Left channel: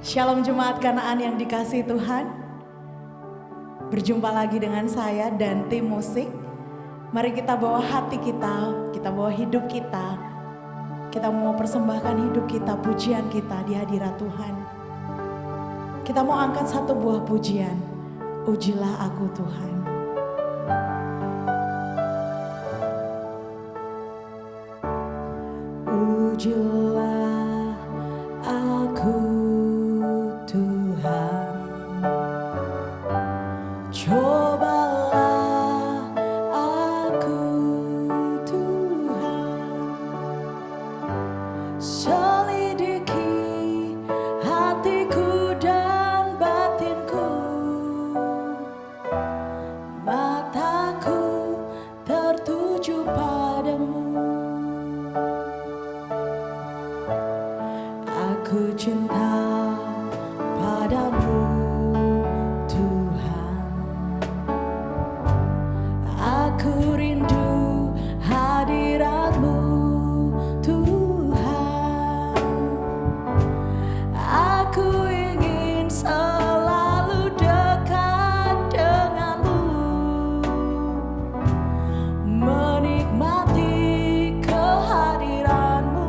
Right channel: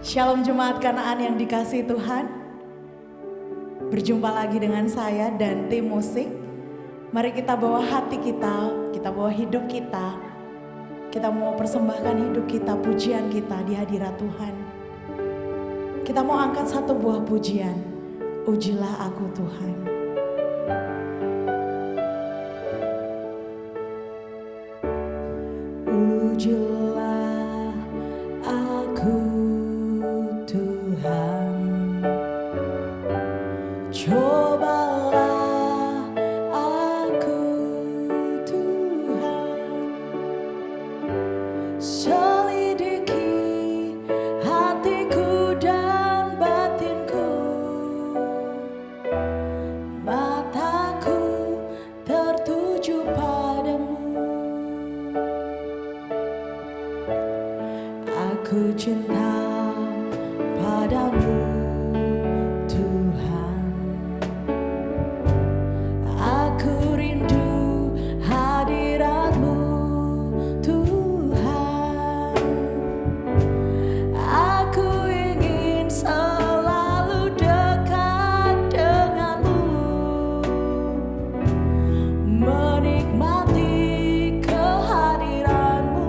Shalom Jemaat Kanaan yang dikasihi Tuhan. Berjumpa lagi dengan saya dan tim musik. Mari kita bawa hati kita bawa hidup kita. Kita mau persembahkan hidup kita, pujian kita di hadirat Tuhan. Kita mau angkat satu buah pujian. Ujilah aku Tuhan. Ujilah aku Tuhan, cobalah aku Tuhan, selidiki hatiku dan batinku, mataku tertuju padamu. Aku cinta padamu Tuhan, aku rindu hadirat-Mu Tuhan, aku ingin selalu dekat dengan-Mu, menikmati kehadiran-Mu.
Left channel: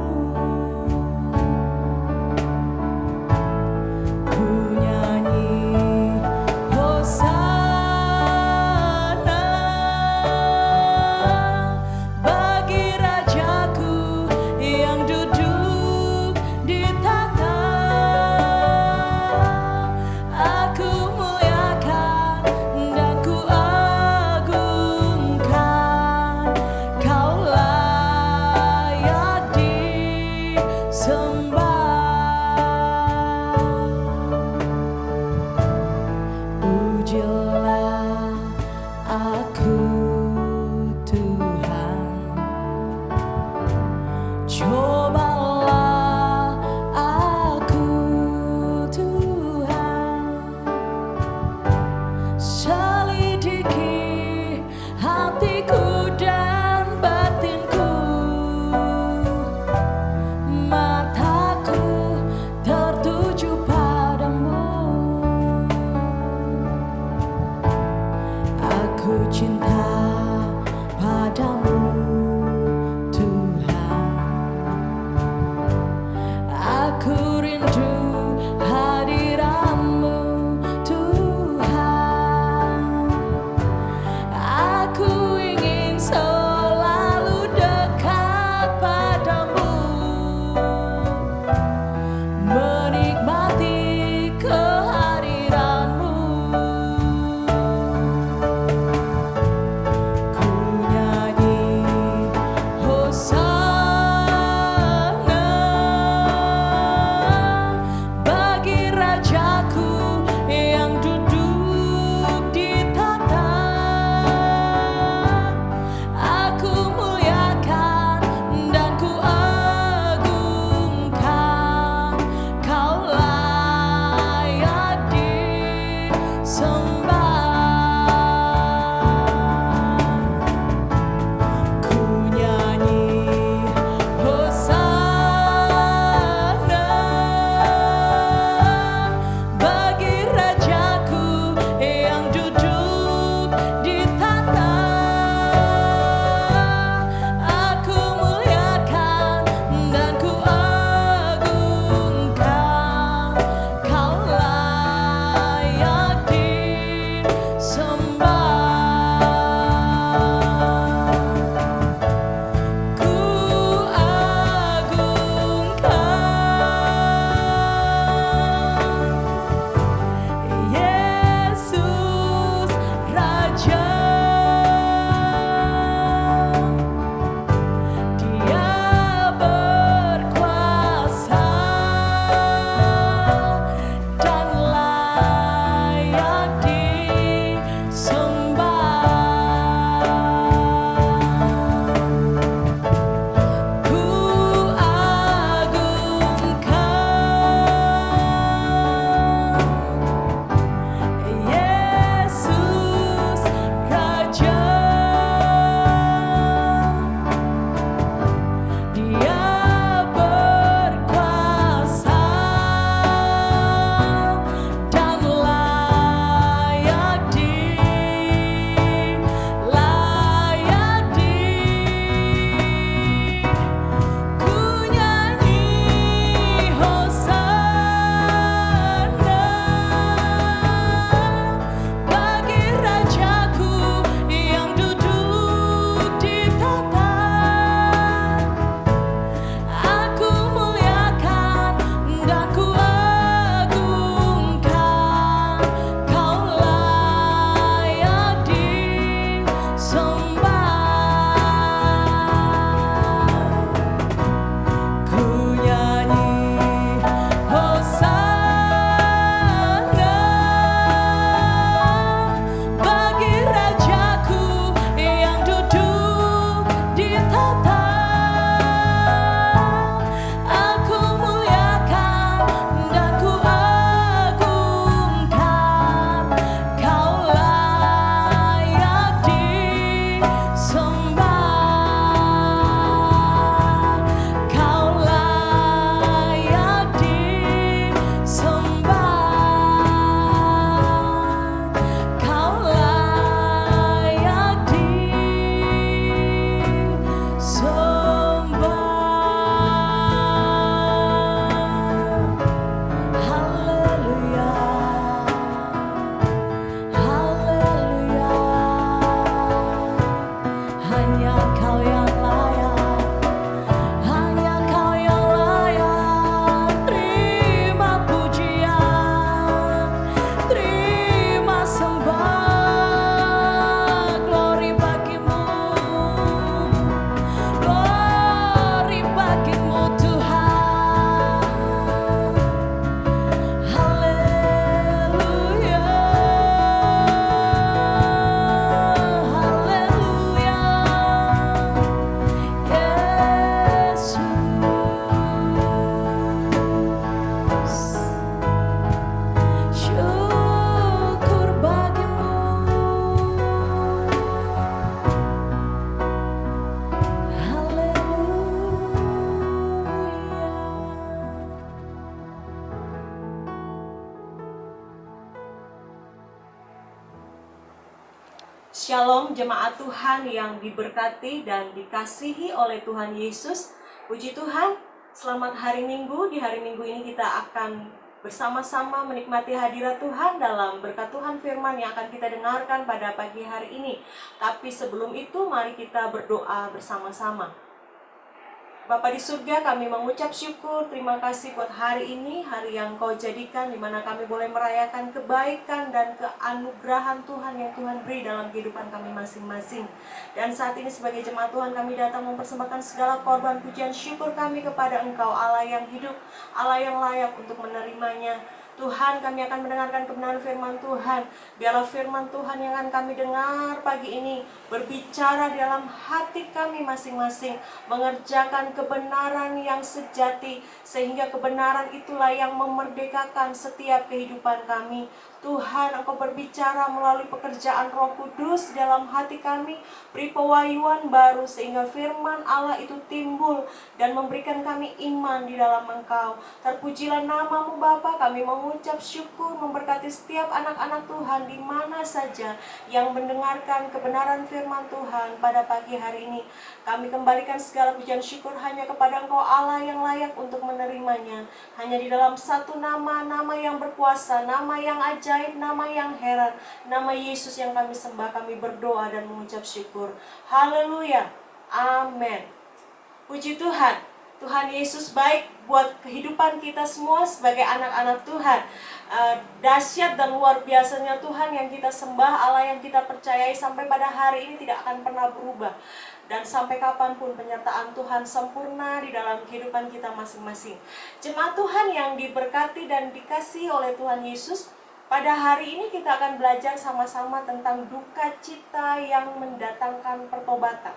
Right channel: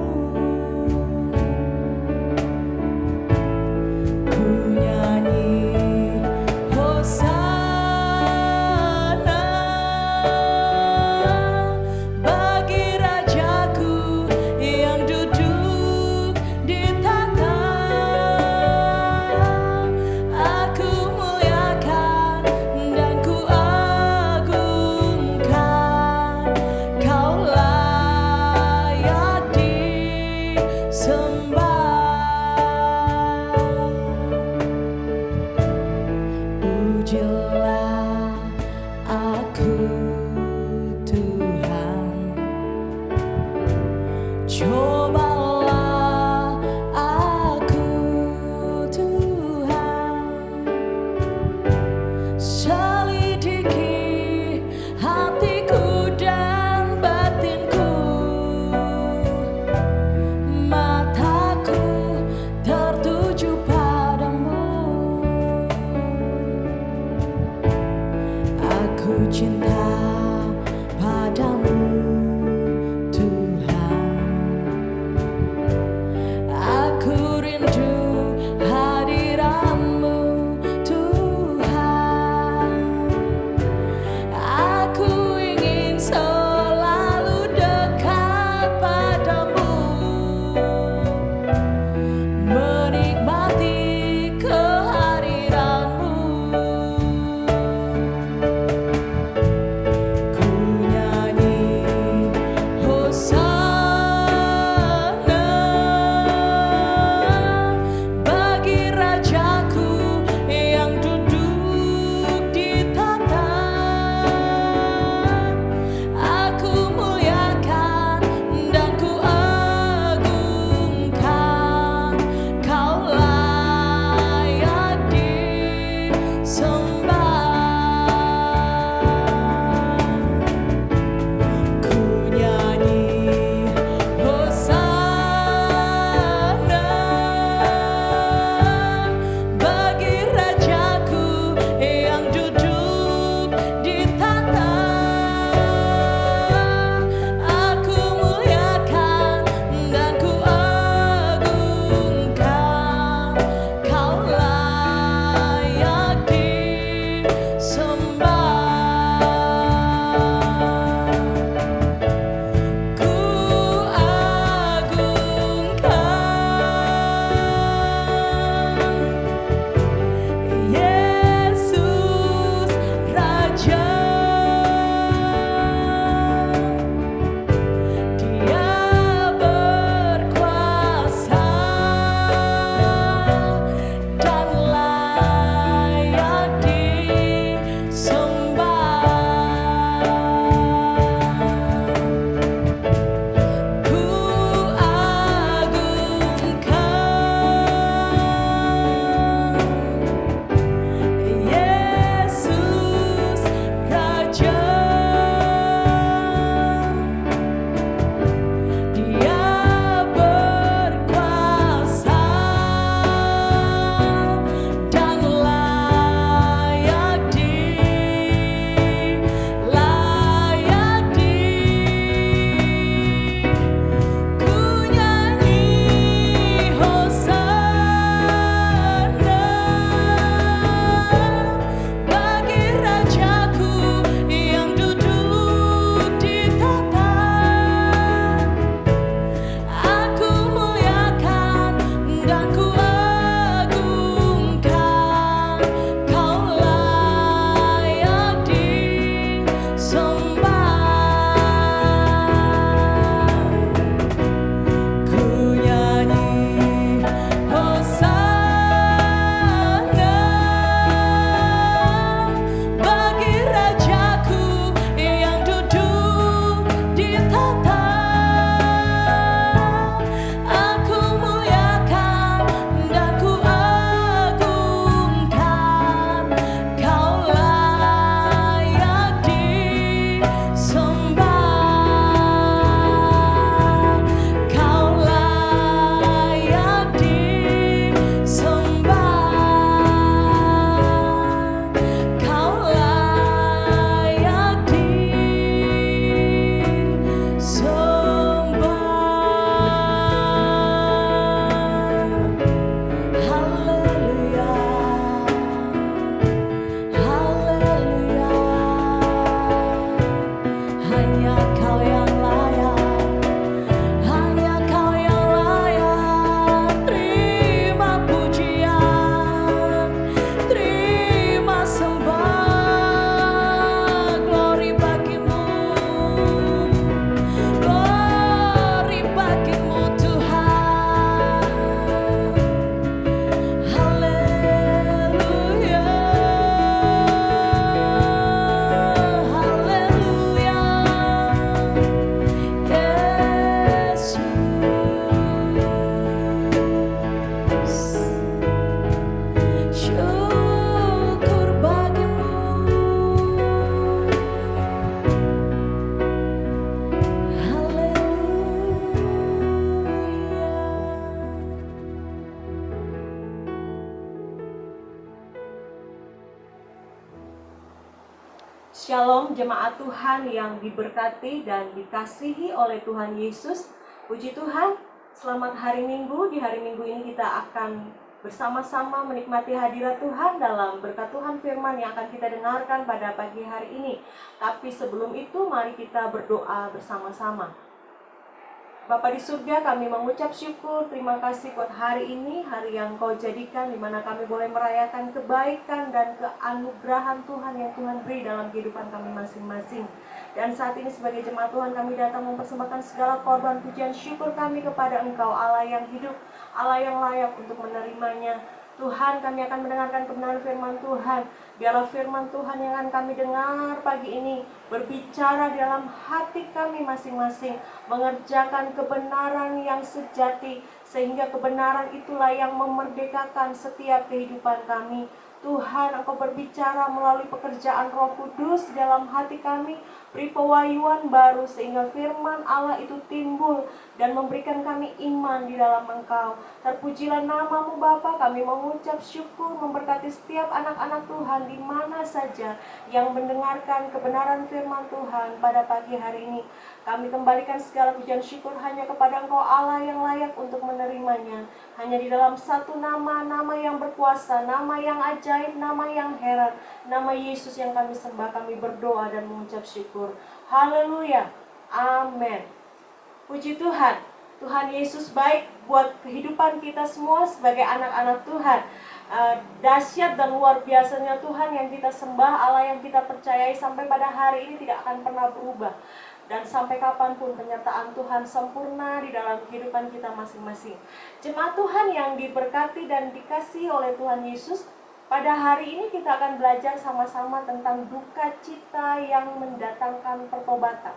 Shalom jemaat Tuhan yang diberkati dan dikasihi oleh Tuhan Yesus. Puji Tuhan, selamat hari Minggu. Di hari Minggu ini kita akan bersama-sama menikmati hadirat Tuhan dalam berkat Tuhan firman yang akan kita dengarkan pada pagi hari ini. Tapi sebelum itu mari kita berdoa bersama-sama. Bapa di surga, kami mengucap syukur, terima kasih buat hari ini, hari yang Kau jadikan, di mana kami boleh merayakan kebaikan dan keanugerahan Tuhan yang Tuhan beri dalam kehidupan kami masing-masing. Dan saat ini sebagai jemaat Tuhan, kami datang mempersembahkan segala korban pujian syukur kami kepada Engkau, Allah yang hidup, Allah yang layak untuk menerimanya. Tuhan, kami akan mendengarkan kebenaran firman Tuhan. Biarlah firman Tuhan yang akan kami dengar pagi ini berbicara di dalam hati kami masing-masing, mengerjakan kebenaran yang sejati, sehingga kebenaran itulah yang memerdekakan setiap kehidupan kami. Tuhan, Engkau berbicara melalui pekerjaan Roh Kudus dalam hati kami, beri pewahyuan baru sehingga firman Allah itu timbul dan memberikan kami iman di dalam Engkau. Terpujilah namamu Bapa, kami mengucap syukur memberkati setiap anak-anak Tuhan di mana saja yang mendengarkan kebenaran firman Tuhan pada pagi hari ini. Kami kembalikan segala pujian syukur hanya kepada Engkau Allah yang layak untuk menerimanya. Hanya di dalam satu nama, nama yang berkuasa, nama yang ajaib, nama yang heran, nama Yesus yang kami sembah, kami berdoa dan mengucap syukur. Haleluya. Amin. Puji Tuhan. Tuhan Yesus baik buat kehidupan kita semua sebagai anak-anak Tuhan. Dahsyat dan luar biasanya Tuhan yang kita sembah, Allah yang kita percayai sampai pada hari ini tidak akan pernah berubah. Dan sampai kapanpun penyertaan Tuhan sempurna di dalam kehidupan kita masing-masing. Jemaat Tuhan yang diberkati dan dikasihi oleh Tuhan Yesus, pada hari ini kita akan belajar sama-sama tentang duka cita yang mendatangkan pertobatan.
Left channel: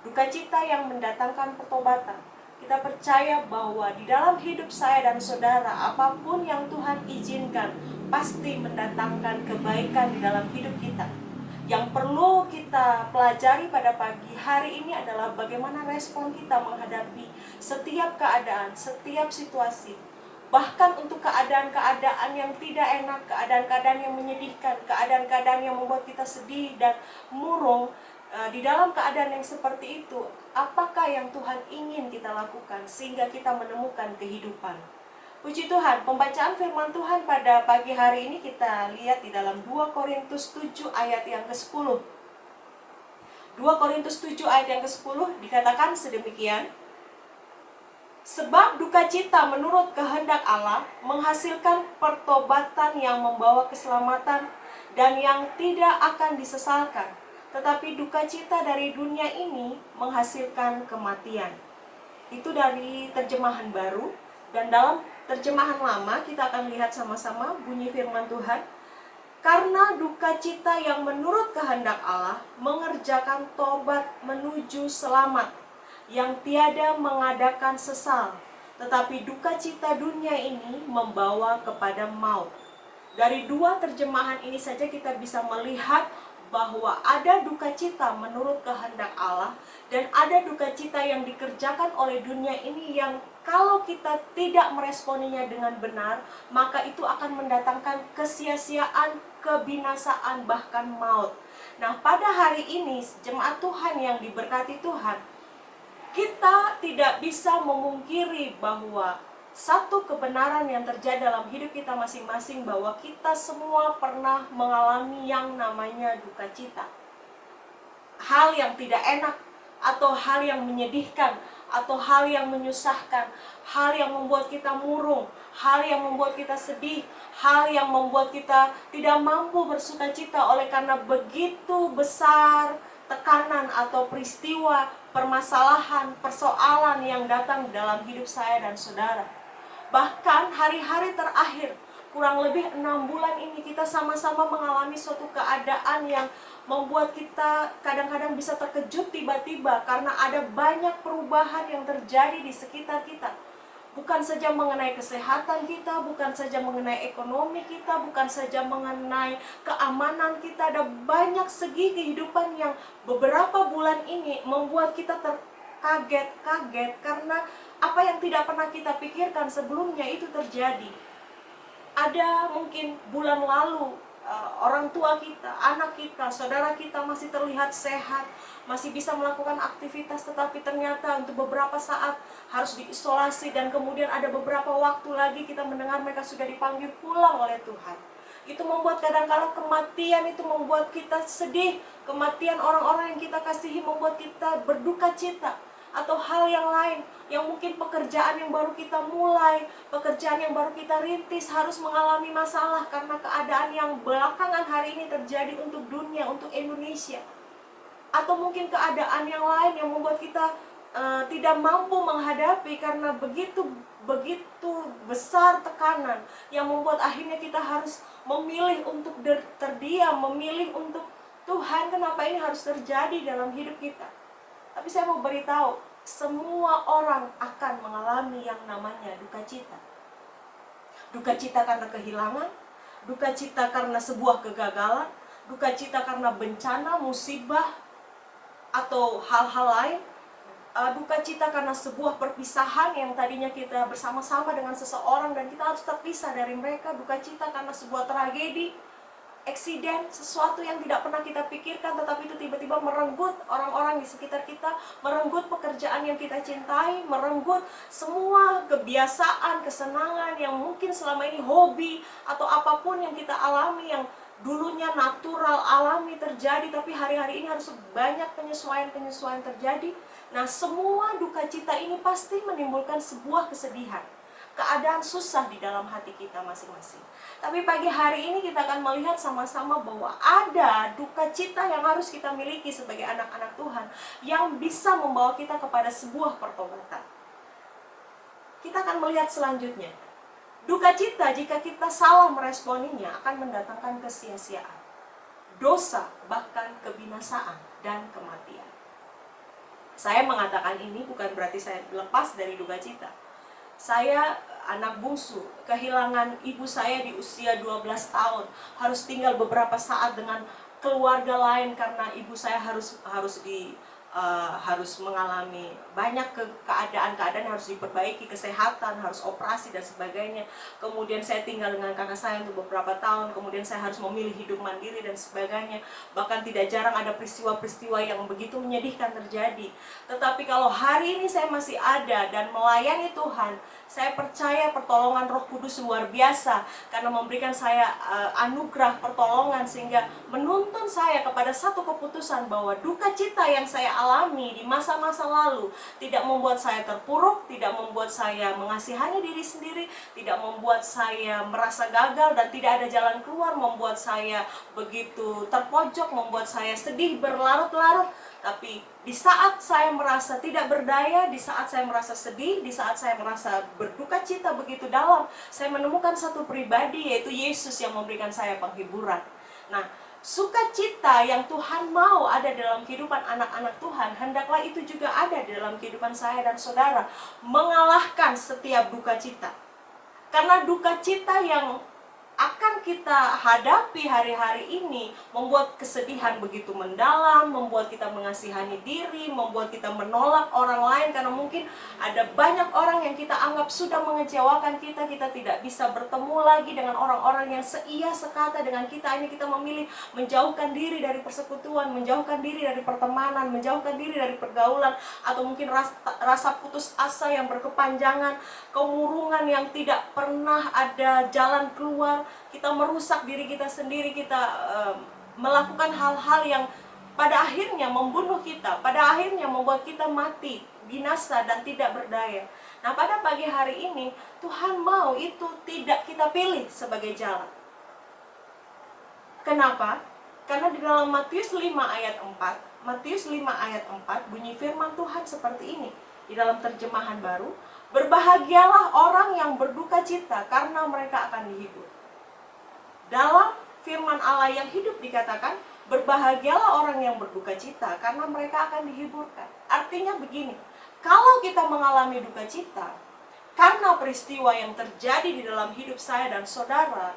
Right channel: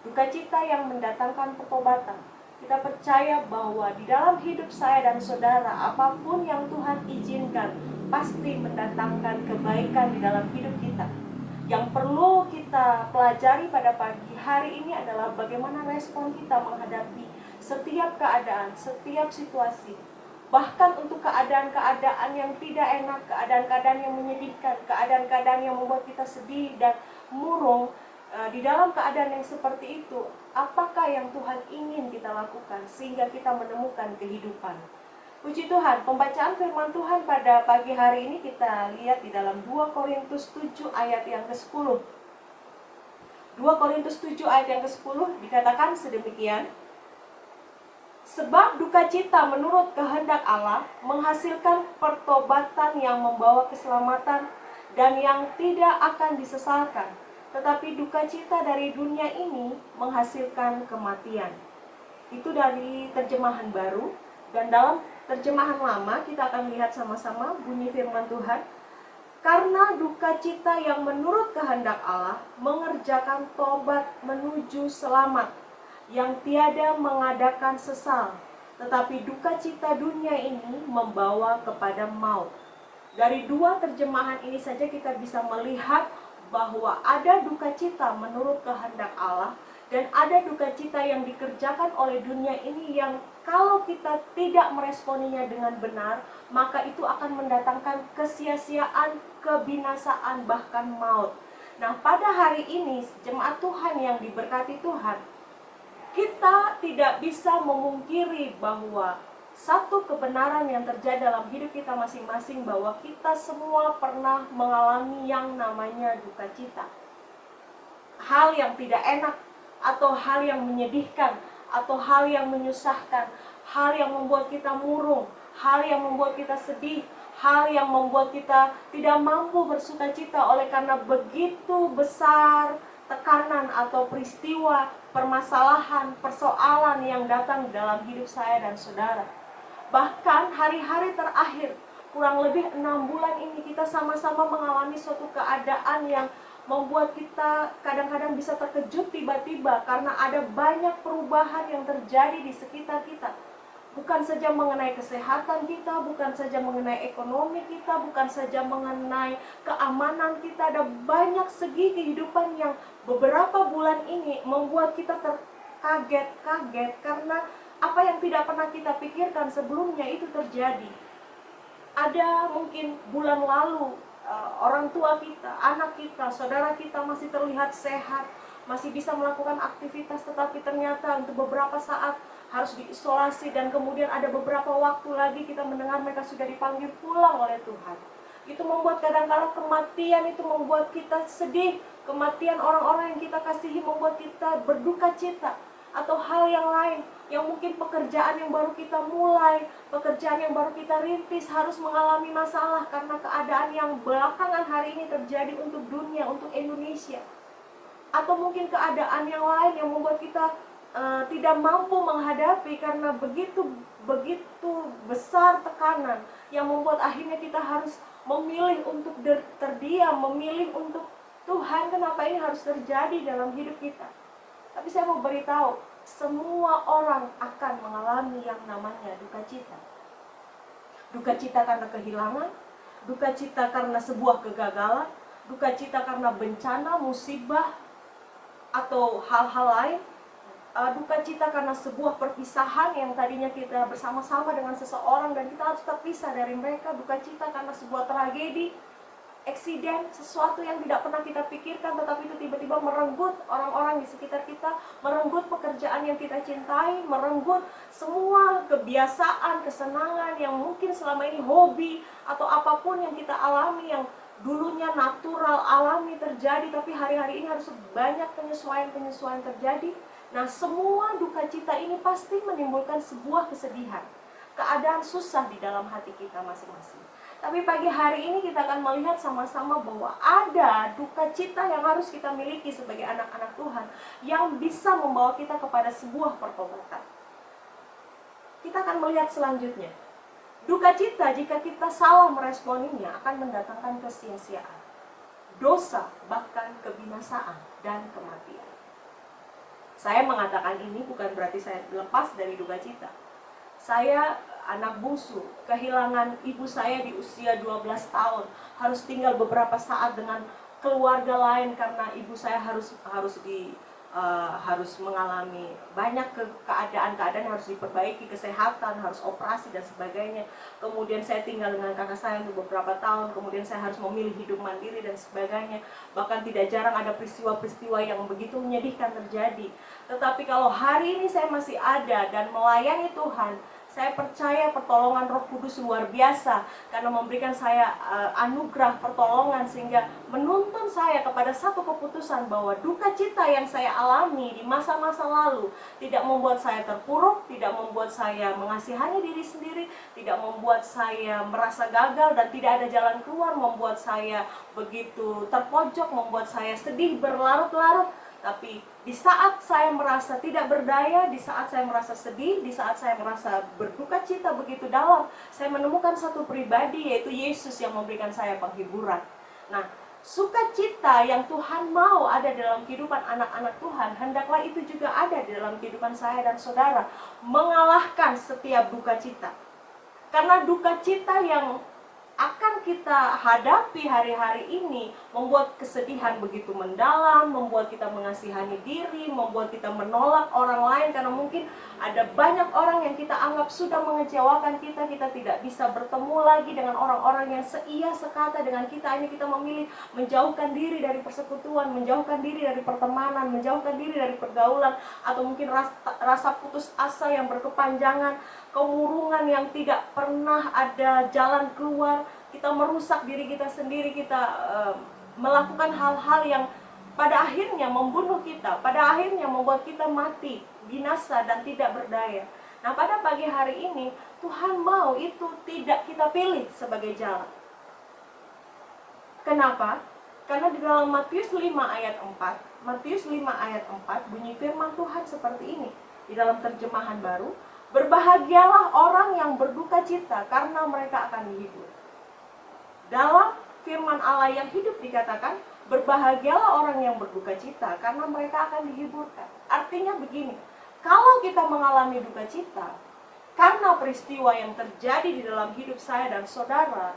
Duka cita yang mendatangkan pertobatan. Kita percaya bahwa di dalam hidup saya dan saudara, apapun yang Tuhan izinkan pasti mendatangkan kebaikan di dalam hidup kita. Yang perlu kita pelajari pada pagi hari ini adalah bagaimana respon kita menghadapi setiap keadaan, setiap situasi. Bahkan untuk keadaan-keadaan yang tidak enak, keadaan-keadaan yang menyedihkan, keadaan-keadaan yang membuat kita sedih dan murung. Di dalam keadaan yang seperti itu, apakah yang Tuhan ingin kita lakukan sehingga kita menemukan kehidupan? Puji Tuhan, pembacaan firman Tuhan pada pagi hari ini kita lihat di dalam 2 Korintus 7 ayat yang ke-10. 2 Korintus 7 ayat yang ke-10 dikatakan sedemikian. Sebab duka cita menurut kehendak Allah menghasilkan pertobatan yang membawa keselamatan dan yang tidak akan disesalkan. Tetapi duka cita dari dunia ini menghasilkan kematian. Itu dari terjemahan baru. Dan dalam terjemahan lama kita akan lihat sama-sama bunyi firman Tuhan. Karena duka cita yang menurut kehendak Allah mengerjakan tobat menuju selamat, yang tiada mengadakan sesal. Tetapi duka cita dunia ini membawa kepada maut. Dari dua terjemahan ini saja kita bisa melihat bahwa ada duka cita menurut kehendak Allah dan ada duka cita yang dikerjakan oleh dunia ini yang kalau kita tidak meresponinya dengan benar, maka itu akan mendatangkan kesia-siaan, kebinasaan, bahkan maut. Nah, pada hari ini jemaat Tuhan yang diberkati Tuhan, kita tidak bisa memungkiri bahwa satu kebenaran yang terjadi dalam hidup kita masing-masing, bahwa kita semua pernah mengalami yang namanya duka cita. Hal yang tidak enak, atau hal yang menyedihkan, atau hal yang menyusahkan, hal yang membuat kita murung, hal yang membuat kita sedih, hal yang membuat kita tidak mampu bersuka cita oleh karena begitu besar tekanan atau peristiwa, permasalahan, persoalan yang datang dalam hidup saya dan saudara. Bahkan hari-hari terakhir, kurang lebih 6 bulan ini kita sama-sama mengalami suatu keadaan yang membuat kita kadang-kadang bisa terkejut tiba-tiba karena ada banyak perubahan yang terjadi di sekitar kita. Bukan saja mengenai kesehatan kita, bukan saja mengenai ekonomi kita, bukan saja mengenai keamanan kita. Ada banyak segi kehidupan yang beberapa bulan ini membuat kita terkaget-kaget karena apa yang tidak pernah kita pikirkan sebelumnya itu terjadi. Ada mungkin bulan lalu orang tua kita, anak kita, saudara kita masih terlihat sehat, masih bisa melakukan aktivitas, tetapi ternyata untuk beberapa saat harus diisolasi, dan kemudian ada beberapa waktu lagi kita mendengar mereka sudah dipanggil pulang oleh Tuhan. Itu membuat kadang-kala kematian itu membuat kita sedih, kematian orang-orang yang kita kasihi membuat kita berduka cita. Atau hal yang lain, yang mungkin pekerjaan yang baru kita mulai, pekerjaan yang baru kita rintis harus mengalami masalah karena keadaan yang belakangan hari ini terjadi untuk dunia, untuk Indonesia. Atau mungkin keadaan yang lain yang membuat kita tidak mampu menghadapi karena begitu besar tekanan yang membuat akhirnya kita harus memilih untuk terdiam, memilih untuk Tuhan, kenapa ini harus terjadi dalam hidup kita. Tapi saya mau beritahu, semua orang akan mengalami yang namanya duka cita. Duka cita karena kehilangan, duka cita karena sebuah kegagalan, duka cita karena bencana, musibah, atau hal-hal lain. Duka cita karena sebuah perpisahan yang tadinya kita bersama-sama dengan seseorang dan kita harus terpisah dari mereka. Duka cita karena sebuah tragedi, eksiden, sesuatu yang tidak pernah kita pikirkan, tetapi itu tiba-tiba merenggut orang-orang di sekitar kita, merenggut pekerjaan yang kita cintai, merenggut semua kebiasaan, kesenangan yang mungkin selama ini hobi atau apapun yang kita alami, yang dulunya natural, alami terjadi, tapi hari-hari ini harus banyak penyesuaian-penyesuaian terjadi. Nah, semua duka cita ini pasti menimbulkan sebuah kesedihan, keadaan susah di dalam hati kita masing-masing. Tapi pagi hari ini kita akan melihat sama-sama bahwa ada duka cita yang harus kita miliki sebagai anak-anak Tuhan, yang bisa membawa kita kepada sebuah pertobatan. Kita akan melihat selanjutnya. Duka cita jika kita salah meresponinya akan mendatangkan kesia-siaan, dosa, bahkan kebinasaan dan kematian. Saya mengatakan ini bukan berarti saya lepas dari duka cita. Saya anak bungsu, kehilangan ibu saya di usia 12 tahun, harus tinggal beberapa saat dengan keluarga lain karena ibu saya harus mengalami banyak keadaan-keadaan yang harus diperbaiki, kesehatan, harus operasi dan sebagainya. Kemudian saya tinggal dengan kakak saya untuk beberapa tahun, kemudian saya harus memilih hidup mandiri dan sebagainya. Bahkan tidak jarang ada peristiwa-peristiwa yang begitu menyedihkan terjadi. Tetapi kalau hari ini saya masih ada dan melayani Tuhan, saya percaya pertolongan Roh Kudus luar biasa karena memberikan saya anugerah pertolongan sehingga menuntun saya kepada satu keputusan bahwa duka cita yang saya alami di masa-masa lalu tidak membuat saya terpuruk, tidak membuat saya mengasihani diri sendiri, tidak membuat saya merasa gagal dan tidak ada jalan keluar, membuat saya begitu terpojok, membuat saya sedih berlarut-larut. Tapi di saat saya merasa tidak berdaya, di saat saya merasa sedih, di saat saya merasa berduka cita begitu dalam, saya menemukan satu pribadi, yaitu Yesus yang memberikan saya penghiburan. Nah, sukacita yang Tuhan mau ada dalam kehidupan anak-anak Tuhan, hendaklah itu juga ada dalam kehidupan saya dan saudara, mengalahkan setiap duka cita. Karena duka cita yang akan kita hadapi hari-hari ini membuat kesedihan begitu mendalam, membuat kita mengasihani diri, membuat kita menolak orang lain karena mungkin ada banyak orang yang kita anggap sudah mengecewakan kita, kita tidak bisa bertemu lagi dengan orang-orang yang seia sekata dengan kita. Ini kita memilih menjauhkan diri dari persekutuan, menjauhkan diri dari pertemanan, menjauhkan diri dari pergaulan, atau mungkin rasa putus asa yang berkepanjangan, kemurungan yang tidak pernah ada jalan keluar. Kita merusak diri kita sendiri, kita melakukan hal-hal yang pada akhirnya membunuh kita, pada akhirnya membuat kita mati, binasa dan tidak berdaya. Nah, pada pagi hari ini Tuhan mau itu tidak kita pilih sebagai jalan. Kenapa? Karena di dalam Matius 5 ayat 4, Matius 5 ayat 4 bunyi firman Tuhan seperti ini. Di dalam terjemahan baru, berbahagialah orang yang berduka cita karena mereka akan dihibur. Dalam firman Allah yang hidup dikatakan, berbahagialah orang yang berduka cita karena mereka akan dihiburkan. Artinya begini, kalau kita mengalami duka cita karena peristiwa yang terjadi di dalam hidup saya dan saudara,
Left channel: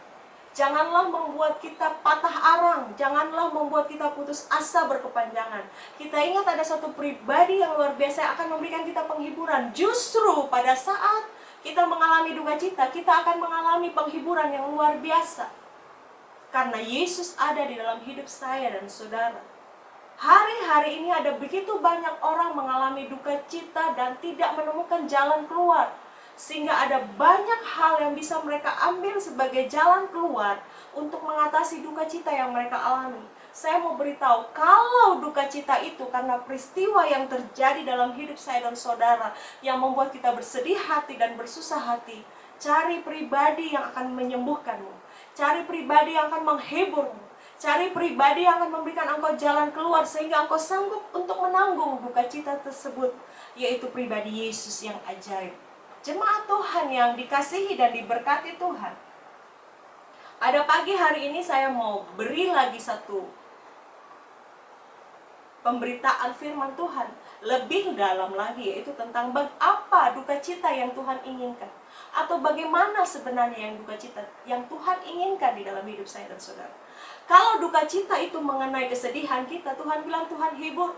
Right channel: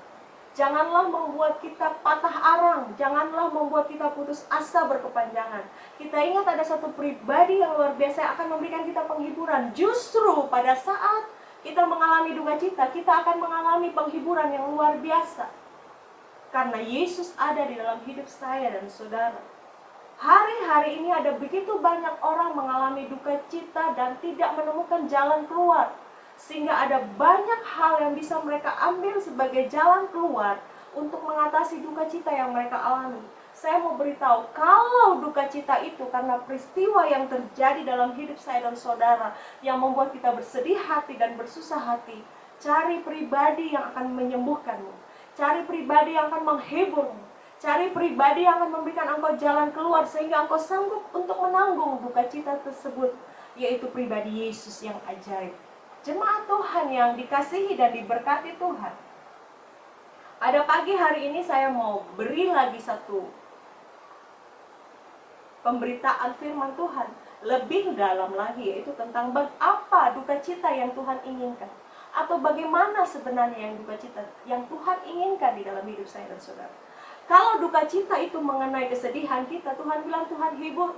janganlah membuat kita patah arang, janganlah membuat kita putus asa berkepanjangan. Kita ingat ada satu pribadi yang luar biasa yang akan memberikan kita penghiburan. Justru pada saat kita mengalami duka cita, kita akan mengalami penghiburan yang luar biasa. karena Yesus ada di dalam hidup saya dan saudara. Hari-hari ini ada begitu banyak orang mengalami duka cita dan tidak menemukan jalan keluar. Sehingga ada banyak hal yang bisa mereka ambil sebagai jalan keluar untuk mengatasi duka cita yang mereka alami. Saya mau beritahu, kalau duka cita itu karena peristiwa yang terjadi dalam hidup saya dan saudara yang membuat kita bersedih hati dan bersusah hati, cari pribadi yang akan menyembuhkanmu. Cari pribadi yang akan menghiburmu. Cari pribadi yang akan memberikan engkau jalan keluar sehingga engkau sanggup untuk menanggung duka cita tersebut, yaitu pribadi Yesus yang ajaib. Jemaat Tuhan yang dikasihi dan diberkati Tuhan, pada pagi hari ini saya mau beri lagi satu pemberitaan firman Tuhan lebih dalam lagi, yaitu tentang apa duka cita yang Tuhan inginkan, atau bagaimana sebenarnya yang duka cita yang Tuhan inginkan di dalam hidup saya dan saudara. Kalau duka cita itu mengenai kesedihan kita, Tuhan bilang Tuhan hibur.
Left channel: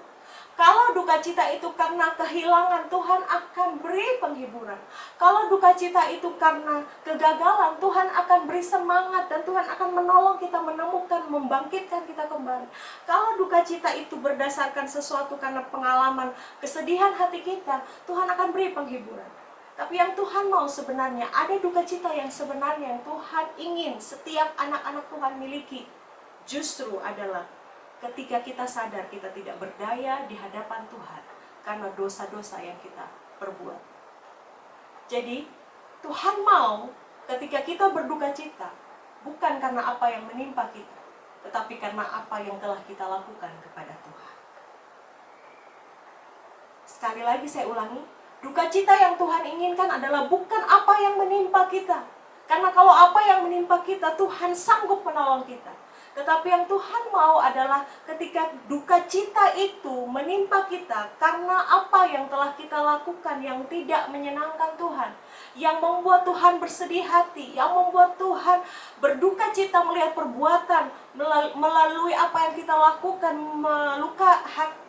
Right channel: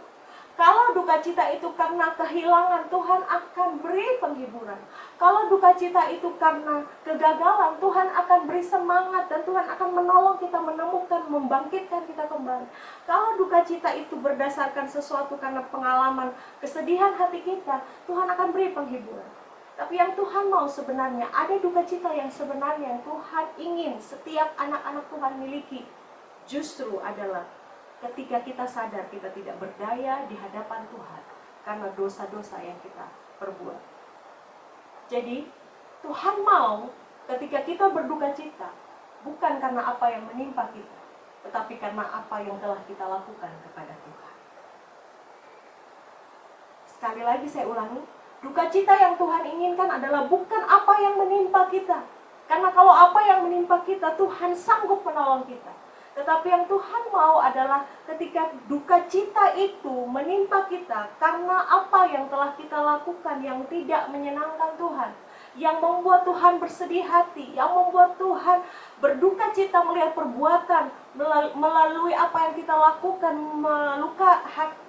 Kalau duka cita itu karena kehilangan, Tuhan akan beri penghiburan. Kalau duka cita itu karena kegagalan, Tuhan akan beri semangat dan Tuhan akan menolong kita menemukan, membangkitkan kita kembali. Kalau duka cita itu berdasarkan sesuatu karena pengalaman kesedihan hati kita, Tuhan akan beri penghiburan. Tapi yang Tuhan mau sebenarnya, ada duka cita yang sebenarnya yang Tuhan ingin setiap anak-anak Tuhan miliki. Justru adalah ketika kita sadar kita tidak berdaya di hadapan Tuhan karena dosa-dosa yang kita perbuat. Jadi Tuhan mau ketika kita berduka cita bukan karena apa yang menimpa kita, tetapi karena apa yang telah kita lakukan kepada Tuhan. Sekali lagi saya ulangi, duka cita yang Tuhan inginkan adalah bukan apa yang menimpa kita. Karena kalau apa yang menimpa kita, Tuhan sanggup menolong kita. Tetapi yang Tuhan mau adalah ketika duka cita itu menimpa kita karena apa yang telah kita lakukan yang tidak menyenangkan Tuhan, yang membuat Tuhan bersedih hati, yang membuat Tuhan berduka cita melihat perbuatan melalui apa yang kita lakukan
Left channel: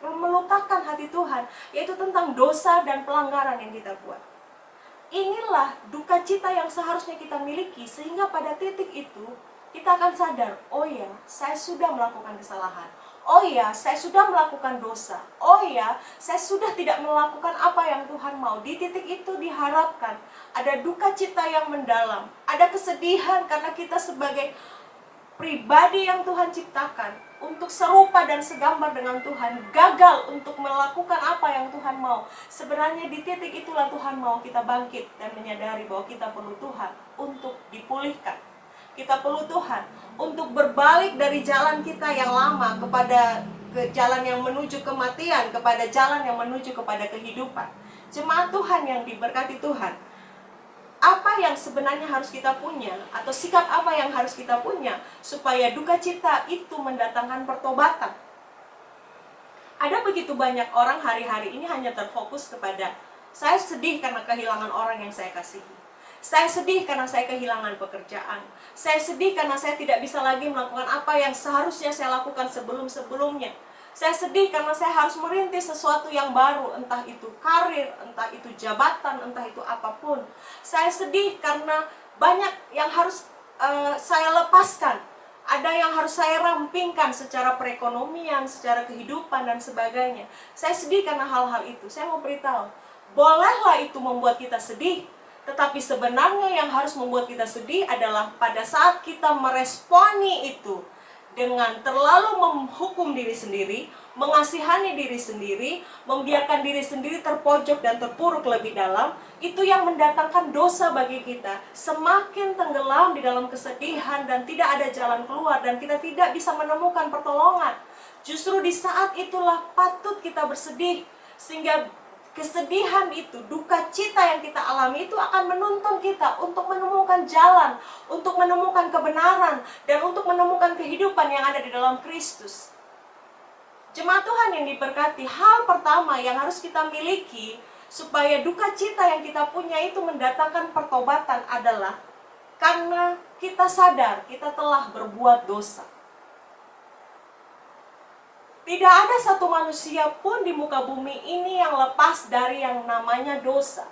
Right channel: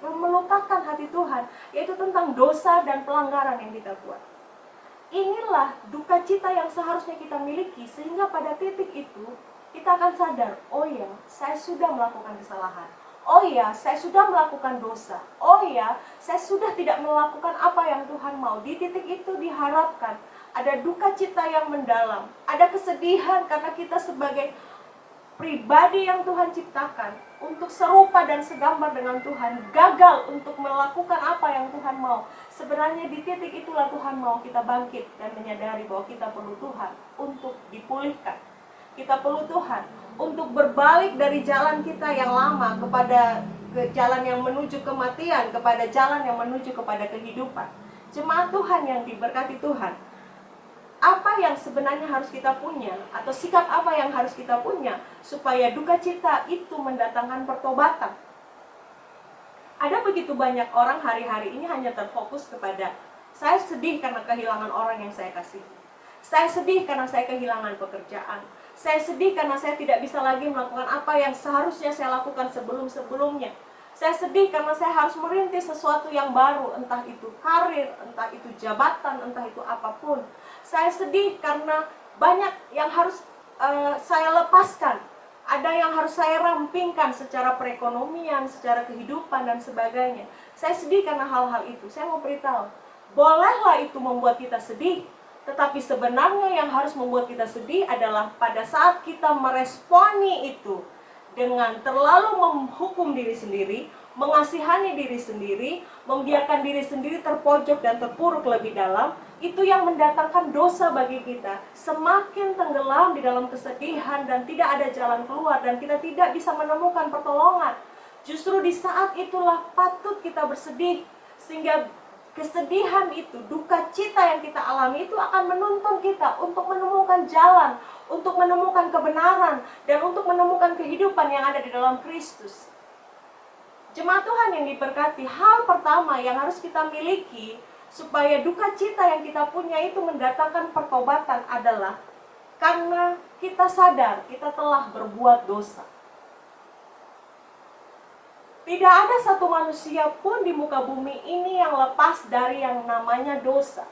melukakan hati Tuhan, yaitu tentang dosa dan pelanggaran yang kita buat. Inilah duka cita yang seharusnya kita miliki, sehingga pada titik itu kita akan sadar, oh ya, saya sudah melakukan kesalahan. Oh ya, saya sudah melakukan dosa. Oh ya, saya sudah tidak melakukan apa yang Tuhan mau. Di titik itu diharapkan ada duka cita yang mendalam, ada kesedihan karena kita sebagai pribadi yang Tuhan ciptakan untuk serupa dan segambar dengan Tuhan, gagal untuk melakukan apa yang Tuhan mau. Sebenarnya di titik itulah Tuhan mau kita bangkit dan menyadari bahwa kita perlu Tuhan untuk dipulihkan. Kita perlu Tuhan untuk berbalik dari jalan kita yang lama kepada jalan yang menuju kematian, kepada jalan yang menuju kepada kehidupan. Jemaat Tuhan yang diberkati Tuhan, apa yang sebenarnya harus kita punya, atau sikap apa yang harus kita punya supaya duka cita itu mendatangkan pertobatan? Ada begitu banyak orang hari-hari ini hanya terfokus kepada saya sedih karena kehilangan orang yang saya kasihi. Saya sedih karena saya kehilangan pekerjaan. Saya sedih karena saya tidak bisa lagi melakukan apa yang seharusnya saya lakukan sebelum-sebelumnya. Saya sedih karena saya harus merintis sesuatu yang baru, entah itu karir, entah itu jabatan, entah itu apapun. Saya sedih karena banyak yang harus saya lepaskan. Ada yang harus saya rampingkan secara perekonomian, secara kehidupan dan sebagainya. Saya sedih karena hal-hal itu. Saya mau beritahu, bolehlah itu membuat kita sedih. Tetapi sebenarnya yang harus membuat kita sedih adalah pada saat kita meresponi itu dengan terlalu menghukum diri sendiri, mengasihani diri sendiri, membiarkan diri sendiri terpojok dan terpuruk lebih dalam, itu yang mendatangkan dosa bagi kita. Semakin tenggelam di dalam kesedihan dan tidak ada jalan keluar dan kita tidak bisa menemukan pertolongan. Justru di saat itulah patut kita bersedih, sehingga kesedihan itu, duka cita yang kita alami itu akan menuntun kita untuk menemukan jalan, untuk menemukan kebenaran, dan untuk menemukan kehidupan yang ada di dalam Kristus. Jemaat Tuhan yang diberkati, hal pertama yang harus kita miliki supaya duka cita yang kita punya itu mendatangkan pertobatan adalah karena kita sadar kita telah berbuat dosa. Tidak ada satu manusia pun di muka bumi ini yang lepas dari yang namanya dosa.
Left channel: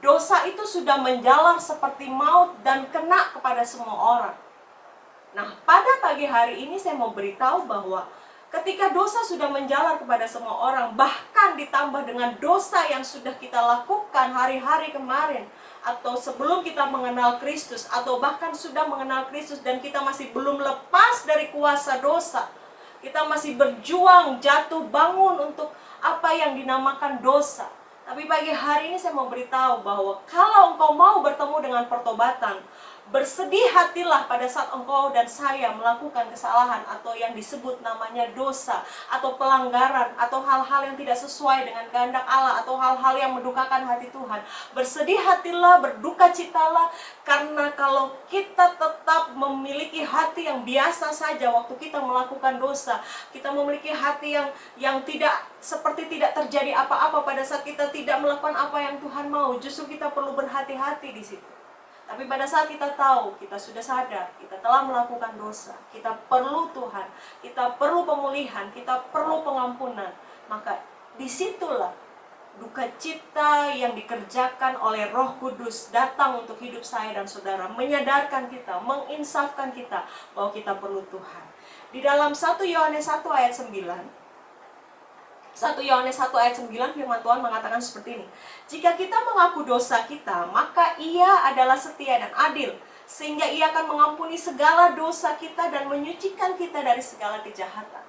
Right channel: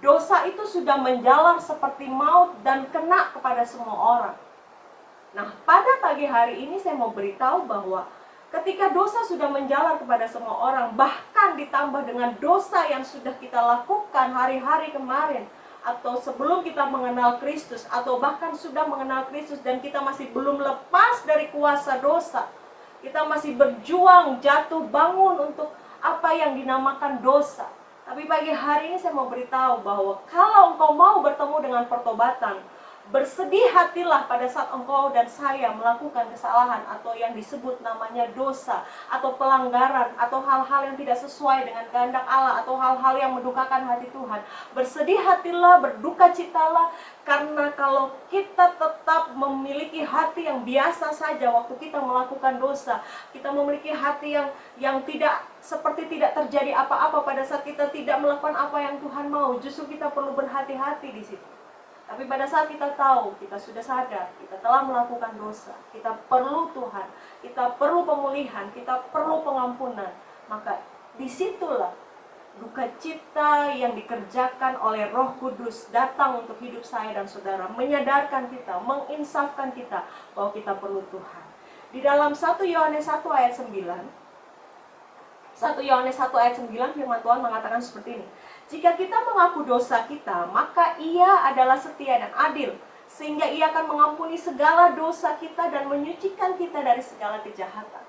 Dosa itu sudah menjalar seperti maut dan kena kepada semua orang. Nah, pada pagi hari ini saya mau beritahu bahwa ketika dosa sudah menjalar kepada semua orang, bahkan ditambah dengan dosa yang sudah kita lakukan hari-hari kemarin, atau sebelum kita mengenal Kristus, atau bahkan sudah mengenal Kristus dan kita masih belum lepas dari kuasa dosa, kita masih berjuang jatuh bangun untuk apa yang dinamakan dosa. Tapi pagi hari ini saya mau beritahu bahwa kalau engkau mau bertemu dengan pertobatan, bersedih hatilah pada saat engkau dan saya melakukan kesalahan atau yang disebut namanya dosa atau pelanggaran atau hal-hal yang tidak sesuai dengan kehendak Allah atau hal-hal yang mendukakan hati Tuhan. Bersedih hatilah, berduka citalah, karena kalau kita tetap memiliki hati yang biasa saja waktu kita melakukan dosa, kita memiliki hati yang tidak seperti tidak terjadi apa-apa pada saat kita tidak melakukan apa yang Tuhan mau, justru kita perlu berhati-hati di situ. Tapi pada saat kita tahu, kita sudah sadar, kita telah melakukan dosa, kita perlu Tuhan, kita perlu pemulihan, kita perlu pengampunan, maka disitulah duka cita yang dikerjakan oleh Roh Kudus datang untuk hidup saya dan saudara, menyadarkan kita, menginsafkan kita bahwa kita perlu Tuhan. Di dalam 1 Yohanes 1 ayat 9, 1 Yohanes 1 ayat 9 firman Tuhan mengatakan seperti ini. Jika kita mengaku dosa kita, maka Ia adalah setia dan adil, sehingga Ia akan mengampuni segala dosa kita dan menyucikan kita dari segala kejahatan.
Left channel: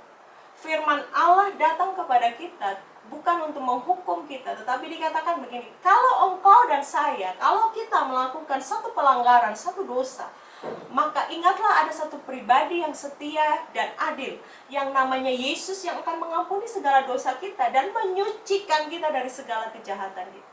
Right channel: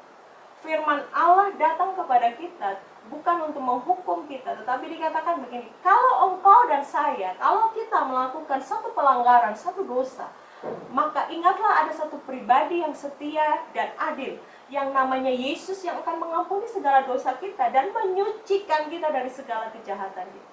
Firman Allah datang kepada kita bukan untuk menghukum kita, tetapi dikatakan begini, kalau engkau dan saya, kalau kita melakukan satu pelanggaran, satu dosa, maka ingatlah ada satu pribadi yang setia dan adil, yang namanya Yesus, yang akan mengampuni segala dosa kita dan menyucikan kita dari segala kejahatan kita.